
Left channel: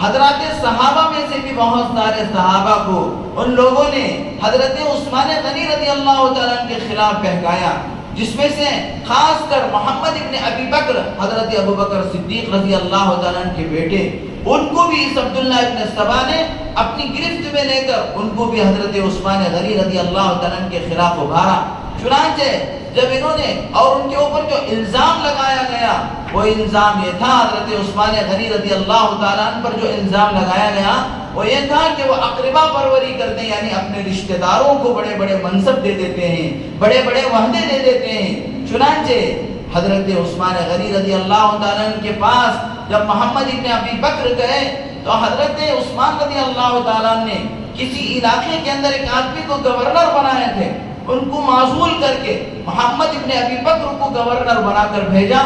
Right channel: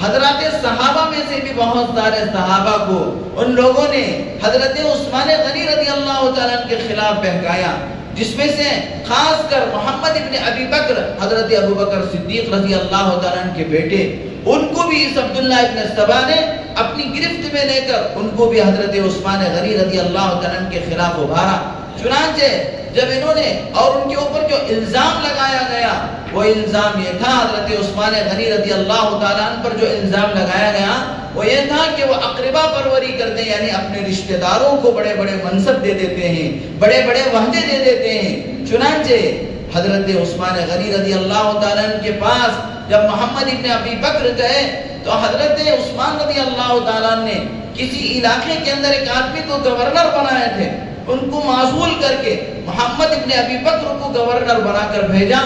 حضرات صحابہ میں سے بھی بہت سارے صحابہ کو ان لوگوں نے حضرت عثمان غنی رضی اللہ تعالیٰ عنہ کے خلاف بہکایا، جس میں سے خاص کر محمد ابن ابی بکر، حضرت ابو بکر صدیق رضی اللہ تعالیٰ عنہ کے بیٹے، ان کو بھی اس عبداللہ ابن سبا نے اپنی گرفت میں لے کر ان کو بھی حضرت عثمان غنی رضی اللہ تعالیٰ عنہ کے خلاف ابھارا۔ چنانچہ جب انہوں نے اور ان کے اوپر جو الزام لگایا گیا، وہ الزام یہ تھا، حضرت عثمان غنی رضی اللہ تعالیٰ عنہ پر جو الزام لگایا گیا وہ یہ تھا کہ وہ اقربا پروری کرتے ہیں، یعنی اپنے رشتہ داروں کو بڑے بڑے منصب دے دیتے ہیں، بڑے بڑے وعدے دے دیتے ہیں۔ چنانچہ حضرت عثمان غنی رضی اللہ تعالیٰ عنہ کے پاس جب محمد ابن ابی بکر گئے تو حضرت عثمان رضی اللہ تعالیٰ عنہ نے کسی علاقے کے اندر ایک آدمی کو گورنر بنائے تھے، ان کو معزول کر کے محمد ابن ابی بکر کو گورنر بنا کر بھیجا،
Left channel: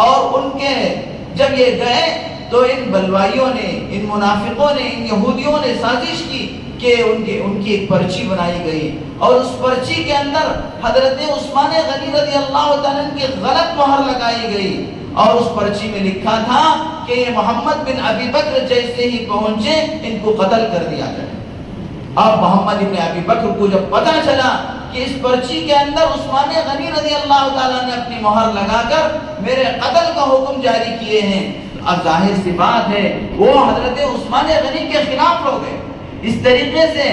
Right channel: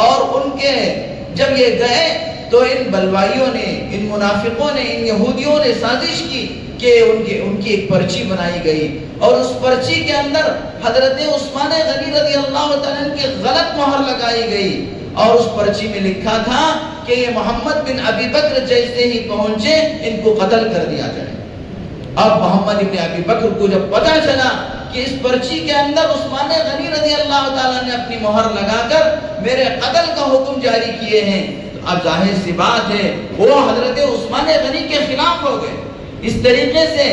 اور ان کے جب یہ گئے تو ان بلوائیوں نے، ان منافقوں نے، ان یہودیوں نے سازش کی کہ ان کی ایک پرچی بنائی گئی، اور اس پرچی کے اندر حضرت عثمان غنی رضی اللہ تعالیٰ عنہ کی غلط مہر لگائی گئی، اور اس پرچی میں لکھا تھا کہ یہ محمد بن ابی بکر جیسے ہی پہنچے ان کو قتل کر دیا جائے۔ اب محمد بن ابی بکر کو جب پتہ چلا کہ اس پرچی کے اندر عثمان غنی رضی اللہ تعالیٰ نے اپنی مہر لگا کر میرے قتل کا حکم جاری کیے ہیں، اب ظاہر سی بات ہے وہ حضرت عثمان غنی کے خلاف ہو گئے۔ اس طریقے سے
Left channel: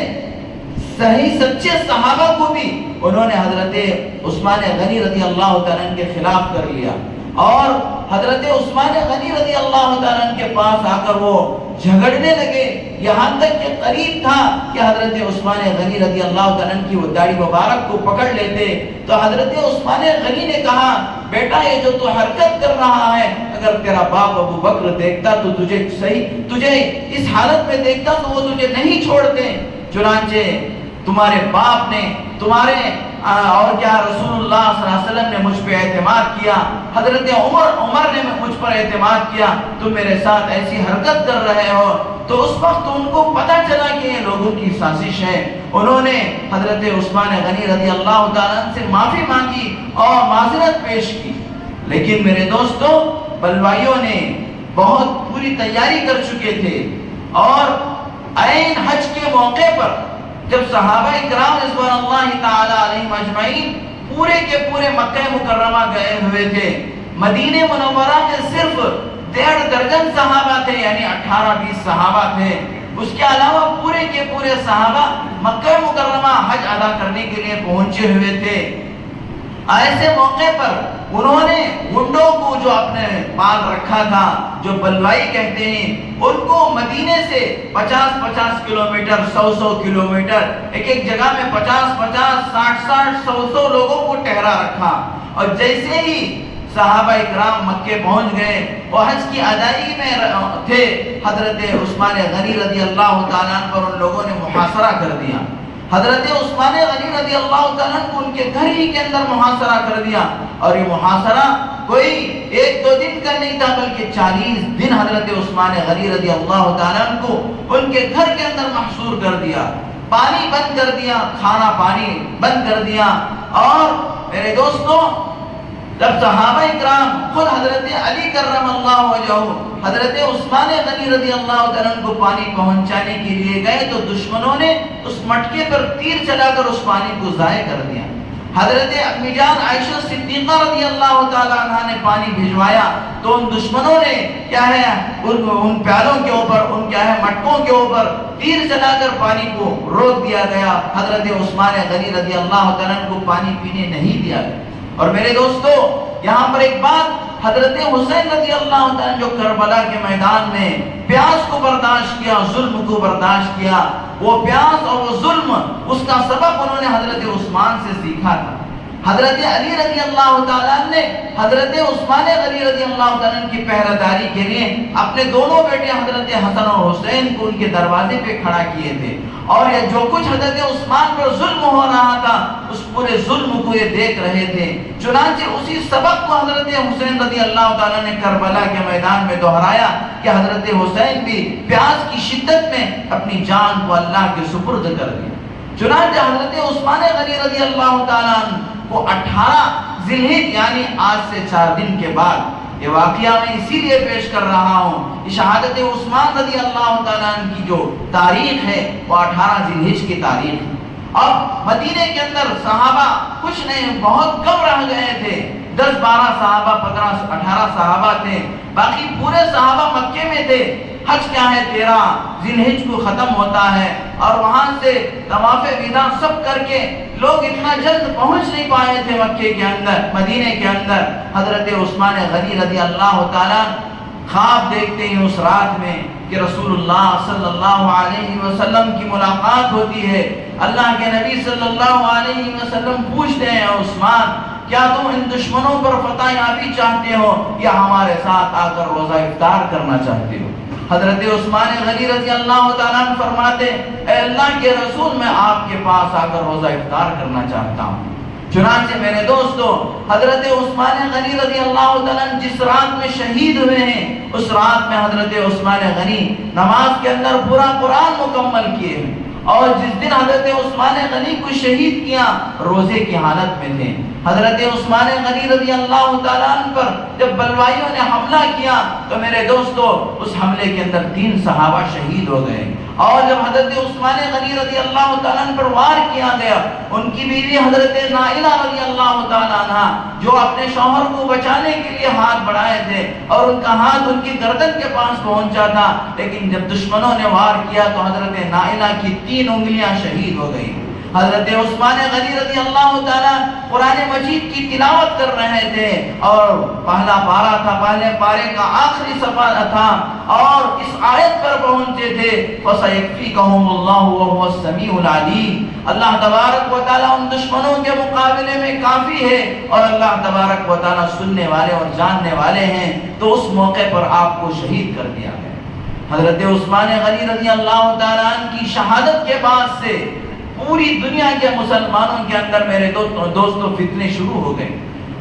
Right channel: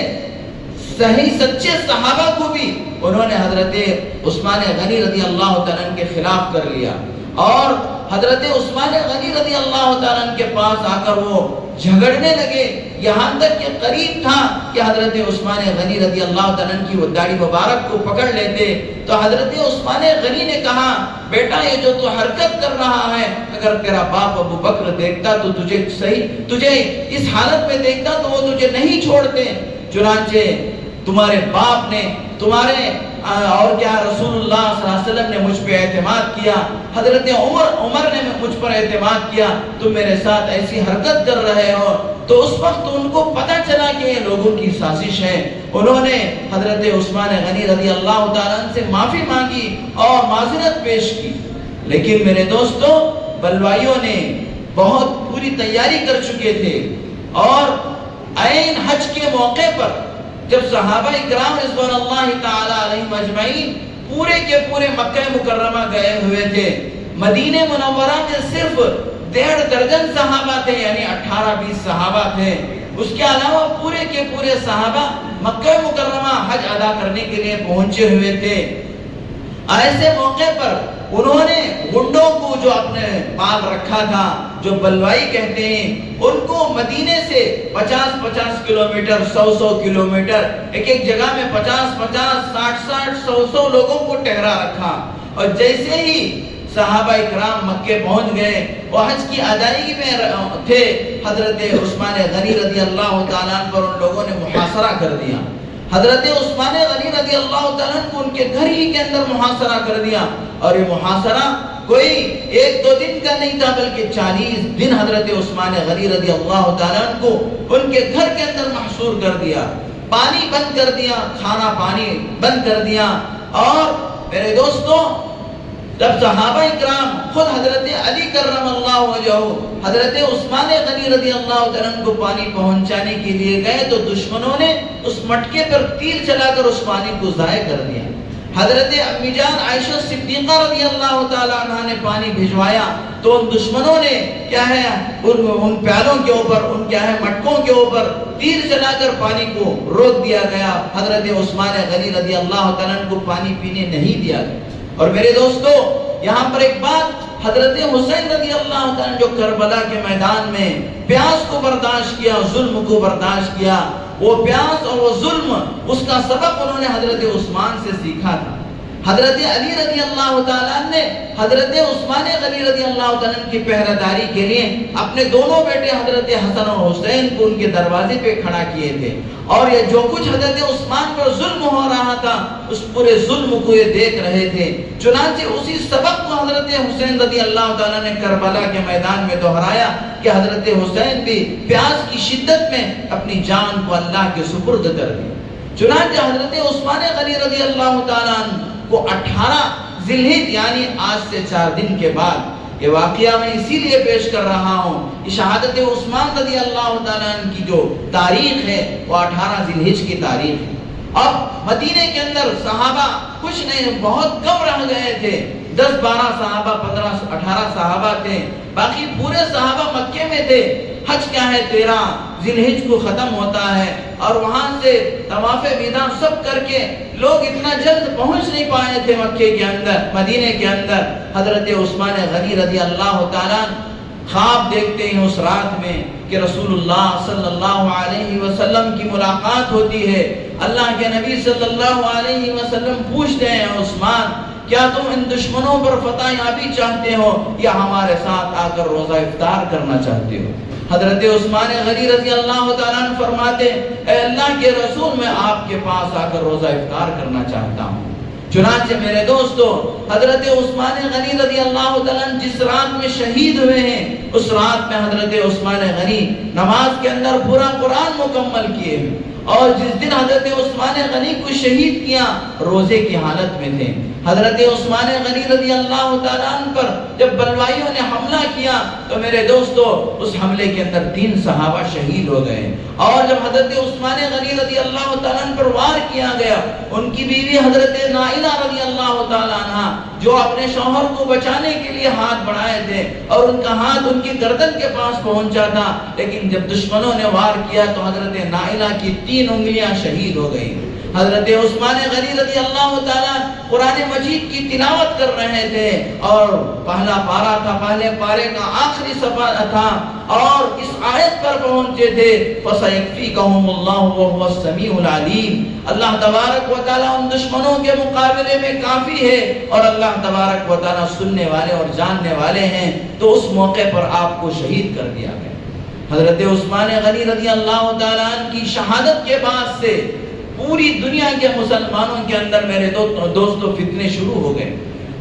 صحیح سچے صحابہ کو بھی انہوں نے حضرت عثمان غنی رضی اللہ تعالیٰ کے خلاف کر لیا، اور حضرت عثمان غنی رضی اللہ تعالیٰ کے پاس آ کر وہ جھگڑنے لگے، یہاں تک کہ قریب تھا کہ حضرت عثمان غنی رضی اللہ تعالیٰ کی وہ داڑھی مبارک کو پکڑ لیتے۔ تو حضرت عثمان غنی نے کہا، بیٹا یہ جو تو حرکت کر رہا ہے، اگر تیرا باپ ابو بکر دیکھتا تو تجھے اس حالت میں دیکھتا تو وہ تجھے نہیں چھوڑتے۔ چنانچہ تمہارے باپ نے تمہارے اور کیا رسول اللہ صلی اللہ علیہ وسلم نے مجھ پہ اعتماد کیا، حضرت عمر نے مجھ پر اعتماد کیا، تم میرے ساتھ ایسی حرکت کر رہے ہو۔ تو اس وقت ان کو پتہ چلا کہ یہ لوگوں کی سازش ہے، انہوں نے حضرت عثمان غنی رضی اللہ تعالیٰ عنہ سے معافی مانگی اور معذرت پیش کی۔ لیکن میرے دوستوں، بلوائیوں نے بہت پوری تیاری کر چکے تھے، اور عین حج کے موقع پر جب صحابہ اکرام رضوان اللہ تعالی علیہم اجمعین پورے کے پورے مکہ مکرمہ گئے ہوئے تھے، مدینہ منورہ میں صرف 1.5 درجن صحابہ تھے، یعنی 18-20 صحابہ تھے، اس کے علاوہ پورے کے پورے صحابہ مکہ مکرمہ حج ادا کرنے کے لیے پہنچے ہوئے تھے۔ ایسے موقع پر انہوں نے گنڈوں کو جو اپنے پال رکھا تھا، جو بلوائی کہتے ہیں، ان کو مدینے سے 50-50 کلومیٹر 100 کلومیٹر ایک جگہ میں 50-50 60-60 100 لوگوں کو ٹھہرا رکھا، اور جیسے ہی صحابہ اکرام مکے پہنچ گئے، وہ حج کی ادائیگی میں تھے، حضرت عثمان غنی رضی اللہ تعالیٰ عنہ پر ان لوگوں نے محاصرہ کر دیا۔ حضرت عثمان غنی رضی اللہ تعالیٰ عنہ کو ان کے گھر ہی کے اندر محاصرہ کر دیا، اور یہ محاصرہ کوئی 1-2 دن کا نہیں تھا، بلکہ 40 دن حضرت عثمان غنی رضی اللہ تعالیٰ عنہ کو ان کے گھر کے اندر محصور کر دیا، پانی بند کر دیا، کھانا پانی بند کر دیا۔ اور میرے دوستوں، جب صحابہ اکرام خود حضرت علی کرم اللہ وجہہ حضرت عثمان غنی رضی اللہ تعالیٰ عنہ کو پانی پہنچانے کے لیے گئے تو دشمنوں نے اس مٹکے پر تیر چلا کر اس پانی کو ضائع کر دیا۔ حضرت امی جان عائشہ صدیقہ رضی اللہ تعالیٰ عنہ نے پانی بھجوایا تو ان دشمنوں نے کیا ہے ان پیالوں کے اوپر، ان کیا ہے مٹکوں کے اوپر تیر چلا کر پانی کو روک دیا گیا، حضرت عثمان غنی رضی اللہ تعالیٰ عنہ کو پانی پینے نہیں دیا گیا۔ اور میرے دوستو، یہاں پر ایک بات، حضرت حسین رضی اللہ تعالیٰ جو کربلا کے میدان میں پیاس کو برداشت کیا، ظلم کو برداشت کیا، وہ پیاس اور وہ ظلم، اس کا سبق انہوں نے حضرت عثمان سے سیکھا تھا۔ حضرت علی رضی اللہ تعالیٰ نے حضرت عثمان غنی رضی اللہ تعالیٰ کی پہرہ داری کے لیے اپنے دونوں بیٹے حضرت حسن اور حسین کو ان کے دروازے پہ کھڑا کیے تھے، اور یہ جو کچھ حضرت عثمان پر ظلم ہو رہا تھا اس پورے ظلم کو یہ دیکھ رہے تھے۔ چنانچہ اسی سبق کو حضرت حسین رضی اللہ تعالیٰ نے کربلا کے میدان میں دہرایا کہ حضرت حسین بھی پیاس کی شدت میں اپنی جان کو اللہ کے سپرد کر دی۔ چنانچہ حضرت عثمان غنی رضی اللہ تعالیٰ کو 18 ذی الحجہ یعنی آج سے 4 دن کے بعد، یہ واقعہ میں اسی لیے پیش کر رہا ہوں کہ شہادت عثمان رضی اللہ تعالیٰ عنہ کی جو تاریخ ہے وہ 18 ذی الحجہ کی تاریخ ہے۔ اب مدینے کے اندر صحابہ کچھ نہیں، بہت کم رہ گئے تھے، 10-12 صحابہ، 15-18 صحابہ تھے، باقی پورے صحابہ مکے میں تھے۔ حج کیا ہے 13 ذی الحجہ کو ختم ہوتا ہے، اور وہاں سے طواف وداع سب کر کے لوگ اتنا جلد پہنچ نہیں پائے تھے مکے کے اندر، مدینے کے اندر۔ حضرت عثمان غنی رضی اللہ تعالیٰ خواب دیکھتے ہیں اس رات میں کہ رسول اللہ صلی اللہ علیہ وسلم کی ملاقات ہوتی ہے۔ اللہ کے نبی صلی اللہ علیہ وسلم پوچھتے ہیں، عثمان کیا تم ان دشمنوں پر فتح یابی چاہتے ہو یا ہمارے ساتھ آ کر روزہ افطار کرنا چاہتے ہو؟ حضرت عثمان غنی رضی اللہ تعالیٰ عنہ فرماتے، اے اللہ کے رسول، میں آپ کے پاس آ کر روزہ افطار کرنا چاہتا ہوں۔ چنانچہ میرے دوستو، حضرت عثمان غنی رضی اللہ تعالیٰ عنہ جس رات میں شہید ہوئے ہیں، اس رات میں حضرت عثمان غنی نماز کے اندر پورا قرآن مکمل کیے، اور جس دن حضرت عثمان غنی کو شہید کیا روزے کی حالت میں تھے۔ حضرت عثمان غنی رضی اللہ تعالیٰ عنہ پر جب بلوائیوں نے حملہ کیا تو میرے دوستو اس حملے کے اندر 3 صحابہ شہید ہو گئے، اور جب حضرت عثمان غنی رضی اللہ تعالیٰ عنہ پر وار کیا گیا، ان کی بیوی حضرت نائلہ رضی اللہ تعالیٰ عنہ جو اپنے شوہر کو بچانے کے لیے ہاتھ بڑھائے تھے، اور ان کا ہاتھ ان کی گردن کے پاس پہنچا تھا، لیکن جب دشمنوں نے وار کیا تو حضرت نائلہ کی 3 انگلیاں شہید ہو گئیں۔ حضرت عثمان غنی رضی اللہ تعالیٰ قرآن مجید کی تلاوت کر رہے تھے، اور پہلا پارہ تھا، پہلے پارے کا آخری صفحہ تھا، اور اس آیت پر پہنچے تھے، فَسَيَكْفِيكَهُمُ اللَّهُ وَهُوَ السَّمِيعُ الْعَلِيمُ۔ اللہ تبارک و تعالیٰ ان دشمنوں کے مقابلے میں کافی ہے، اور اللہ تبارک و تعالیٰ سننے والے اور جاننے والے ہیں، تو اس موقع پر آپ کو شہید کر دیا گیا۔ حضرت عثمان غنی رضی اللہ تعالیٰ عنہ کی شہادت کے بعد سے پوری دنیا کے مسلمانوں کے اندر میرے دوستوں فتنے شروع ہو گئے۔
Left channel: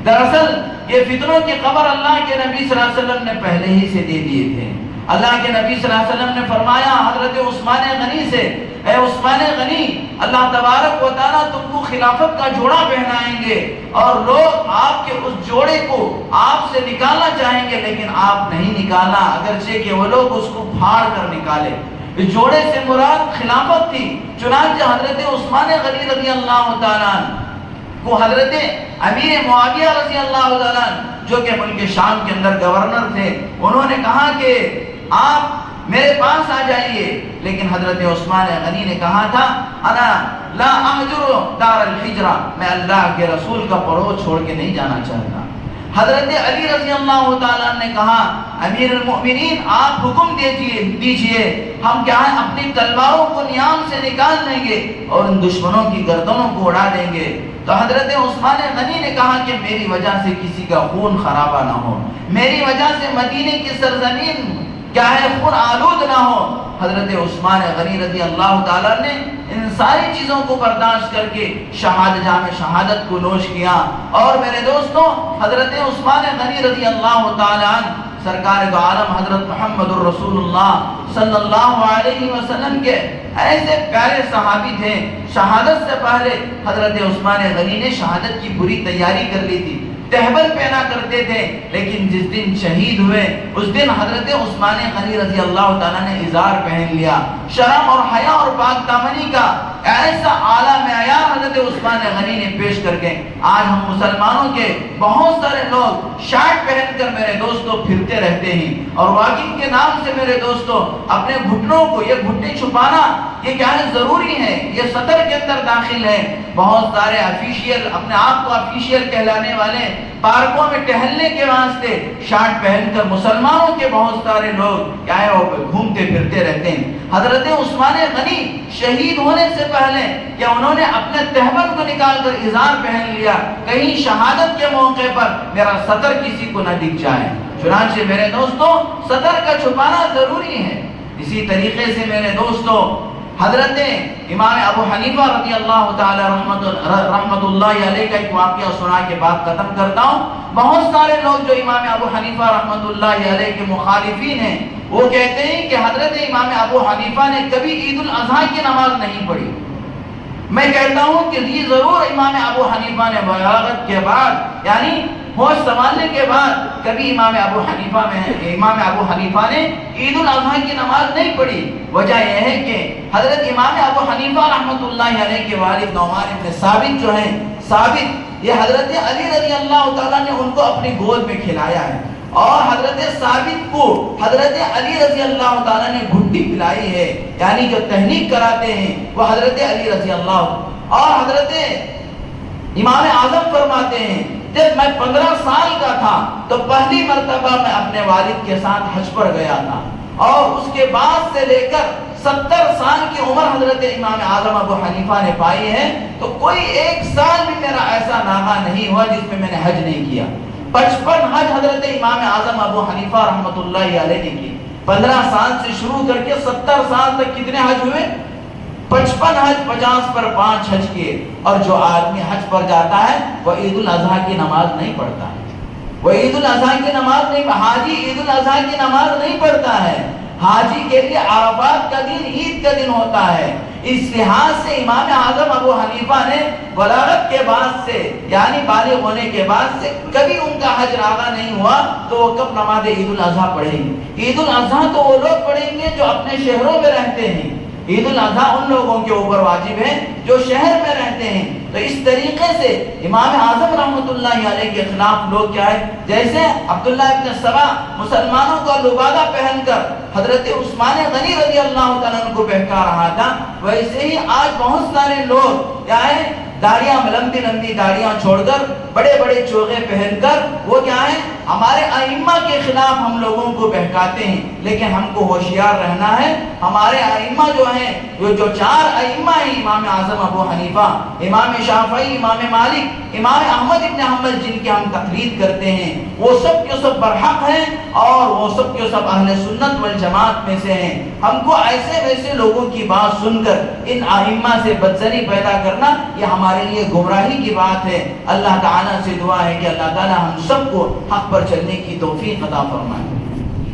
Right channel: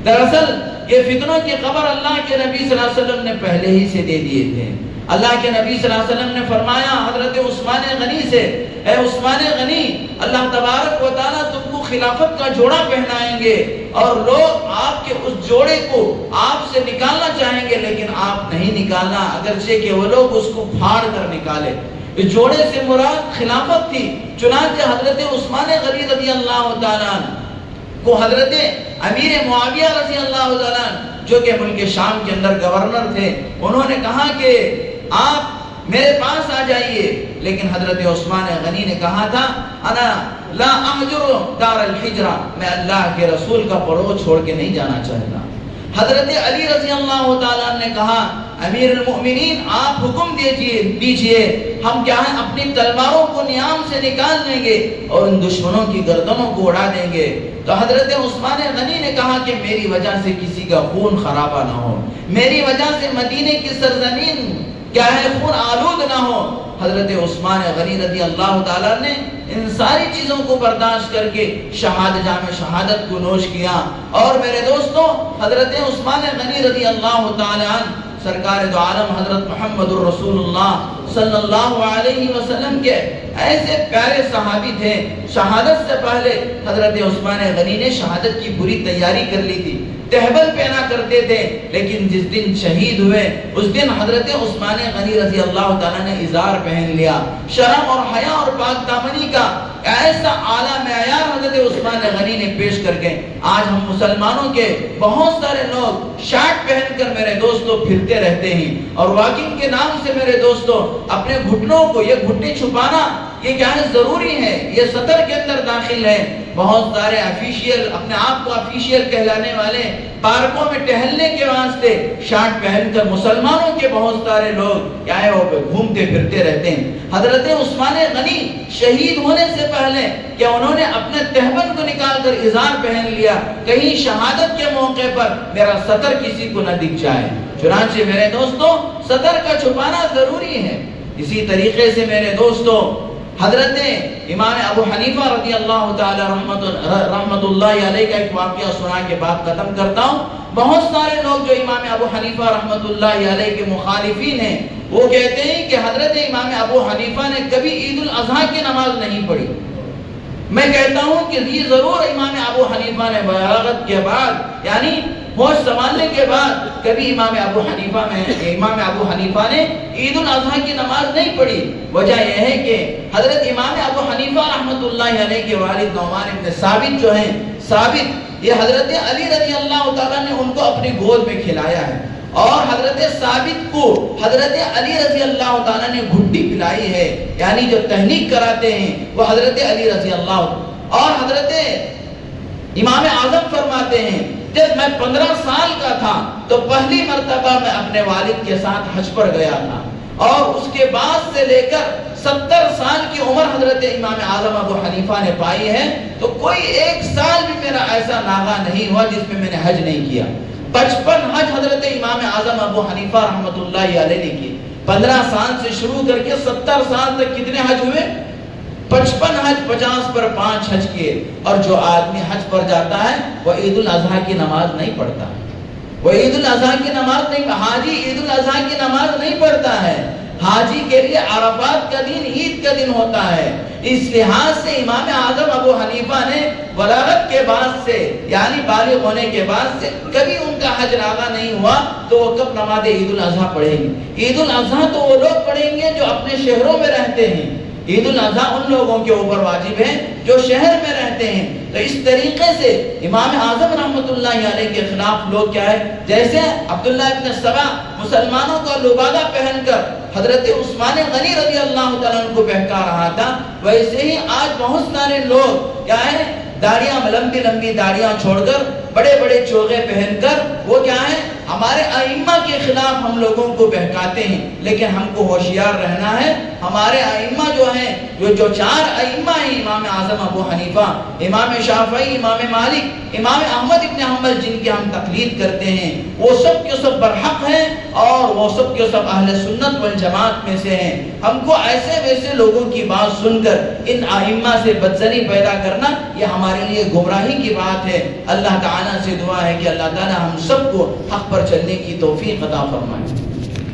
دراصل یہ فتنوں کی خبر اللہ کے نبی صلی اللہ علیہ وسلم نے پہلے ہی سے دے دیے تھے۔ اللہ کے نبی صلی اللہ علیہ وسلم نے فرمایا حضرت عثمان غنی سے، اے عثمان غنی، اللہ تبارک و تعالیٰ تم کو خلافت کا جوڑا پہنائیں گے، اور لوگ آپ کے اس جوڑے کو آپ سے نکالنا چاہیں گے، لیکن آپ نہیں نکالنا، اگرچہ کہ وہ لوگ اس کو پھاڑ کر نکالے، اس جوڑے سے مراد خلافت تھی۔ چنانچہ حضرت عثمان غنی رضی اللہ تعالیٰ عنہ کو حضرت امیر معاویہ رضی اللہ تعالیٰ عنہ جو کہ ملک شام کے اندر گورنر تھے، انہوں نے کہا کہ آپ میرے پاس آ جائیے، لیکن حضرت عثمان غنی نے کہا تھا انا لا احجر دار الحجرہ، میں اللہ کے رسول کا پڑوس چھوڑ کے نہیں جانا چاہتا۔ حضرت علی رضی اللہ تعالیٰ نے کہا امیر المؤمنین آپ حکم دیجئے، ہم کیا ہے اپنی تلواروں کو نیام سے نکال دیں گے اور ان دشمنوں کی گردنوں کو اڑا دیں گے۔ تو حضرت عثمان غنی نے کہا کہ میری وجہ سے کسی کا خون خرابہ نہ ہو، میری وجہ سے مدینے کی سرزمین کیا ہے خون آلود نہ ہو۔ حضرت عثمان غنی رضی اللہ تعالیٰ نے ان ساری چیزوں کو برداشت کر کے جام شہادت کو نوش کیا۔ اور میرے دوستوں، حضرت عثمان غنی رضی اللہ تعالیٰ عنہ سرکار دو عالم حضرت محمد الرسول اللہ صلی اللہ علیہ وسلم کے ایسے پیارے صحابی تھے، شہادت سے پہلے حضرت عثمان غنی نے شہادت کی پوری تیاری کر لی تھی، تہبل پہنا کرتے تھے، لیکن جس دن شہید ہوئے اس دن حضرت عثمان غنی رضی اللہ تعالیٰ نے ازار پہن لیا۔ شرم اور حیا اور پاک دامنی کا ایسا اعلیٰ معیار حضرت عثمان غنی نے پیش کر کے آج ہم مسلمانوں کے بہت سارے لوگ شارٹ پہن کر میرے دوستوں پھرتے رہتے ہیں، اور واگنگ کے نام سے میرے دوستوں اپنے گھٹنوں کو یہ گھٹنے چھپانا یہ کیا ہے ضروری ہے، یہ سطر کے اندر داخل ہے۔ بہت سارے افیشیل اپنے آپ کو افیشیل کہلانے والے پارکوں میں ٹہلنے کے واسطے شارٹ پہن کر مسلمانوں کے بہت سارے لوگ کیا ہے وہ گھومتے پھرتے رہتے ہیں۔ حضرت عثمان غنی شہید ہونے سے پہلے کہ انہوں نے اپنے تہبند کو نکال کر ازار پہن لیا، کہیں شہادت کے موقع پر میرا سطر کسی کو نہ دکھ جائے۔ چنانچہ میرے دوستوں سطر کا چھپانا ضروری ہے۔ اسی طریقے سے میرے دوستوں حضرت امام ابو حنیفہ رضی اللہ تعالی رحمت اللہ علیہ کا ایک واقعہ سنا کے بات ختم کرتا ہوں۔ بہت سارے لوگ جو امام ابو حنیفہ رحمت اللہ علیہ کے مخالفین ہیں وہ کہتے ہیں کہ حضرت امام ابو حنیفہ نے کبھی عید الاضحیٰ کی نماز نہیں پڑھی۔ میں کہتا ہوں کہ یہ ضرور امام ابو حنیفہ نے بلاغت کے بعد یعنی ہوش سنبھالنے کے بعد کبھی امام ابو حنیفہ نے عید الاضحیٰ کی نماز نہیں پڑھی۔ وجہ یہ ہے کہ حضرت امام ابو حنیفہ رحمت اللہ علیہ کے والد نعمان ابن ثابت جو ہیں، ثابت یہ حضرت علی رضی اللہ تعالیٰ نے ان کو اپنی گود میں کھلایا ہے، اور حضرت ثابت کو حضرت علی رضی اللہ تعالیٰ نے گھٹی پلائی ہے، یعنی جو تحنیک کراتے ہیں وہ حضرت علی رضی اللہ۔ اور حضرت امام اعظم فرماتے ہیں جب میں 15 سال کا تھا تو پہلی مرتبہ میں اپنے والد کے ساتھ حج پر گیا تھا، اور اس کے بعد سے لے کر 70 سال کی عمر حضرت امام اعظم ابو حنیفہ نے پائی ہے، تو کوئی ایک سال بھی میرا ایسا ناغہ نہیں ہوا جس میں نے حج نہیں کیا۔ 55 حج حضرت امام اعظم ابو حنیفہ رحمت اللہ علیہ نے کی۔ 15 سال سے شروع کر کے 70 سال تک کتنے حج ہوئے؟ 55 حج، 50 پر 5 حج کیے۔ اور جو آدمی حج پر جاتا ہے وہ عید الاضحیٰ کی نماز نہیں پڑھتا، وہ عید الاضحیٰ کی نماز نہیں، حاجی عید الاضحیٰ کی نماز نہیں پڑھتا ہے۔ حاجی کے لیے عرفات کا دن عید کا دن ہوتا ہے۔ اس لحاظ سے امام اعظم ابو حنیفہ نے بلاغت کے بعد سے یعنی بالغ ہونے کے بعد سے کبھی ان کا حج ناغہ نہیں ہوا، تو وہ کب نماز عید الاضحیٰ پڑھیں گے؟ عید الاضحیٰ تو وہ لوگ پڑھیں گے جو اپنے شہروں میں رہتے ہیں۔ عید الاضحیٰ ان لوگوں کے اوپر واجب ہے جو شہر میں رہتے ہیں۔ تو اس طریقے سے امام اعظم رحمت اللہ علیہ کے خلاف لوگ کیا ہے، جیسے عبداللہ ابن سبا مسلمانوں کا لبادہ پہن کر حضرت عثمان غنی رضی اللہ تعالیٰ عنہ کو بہکا رہا تھا، ویسے ہی آج بہت سارے لوگ کیا ہے داڑیاں لمبی لمبی داڑیاں چھوڑ کر بڑے بڑے چوغے پہن کر وہ کیا ہے ہمارے ائمہ کے خلاف ہم لوگوں کو بہکاتے ہیں۔ لیکن ہم کو ہوشیار رہنا ہے، ہمارے ائمہ جو ہیں جو 4 ائمہ ہیں، امام اعظم ابو حنیفہ، امام شافعی، امام مالک، امام احمد ابن حنبل، جن کی ہم تقلید کرتے ہیں، وہ سب کے سب برحق ہیں اور وہ سب کے سب اہل سنت والجماعت میں سے ہیں۔ ہم کو ایسے ویسے لوگوں کی بات سن کر ان ائمہ سے بدظنی پیدا کرنا یہ ہمارے لیے گمراہی کی بات ہے۔ اللہ تعالیٰ سے دعا ہے کہ اللہ تعالیٰ ہم سب کو حق پر چلنے کی توفیق عطا فرمائے۔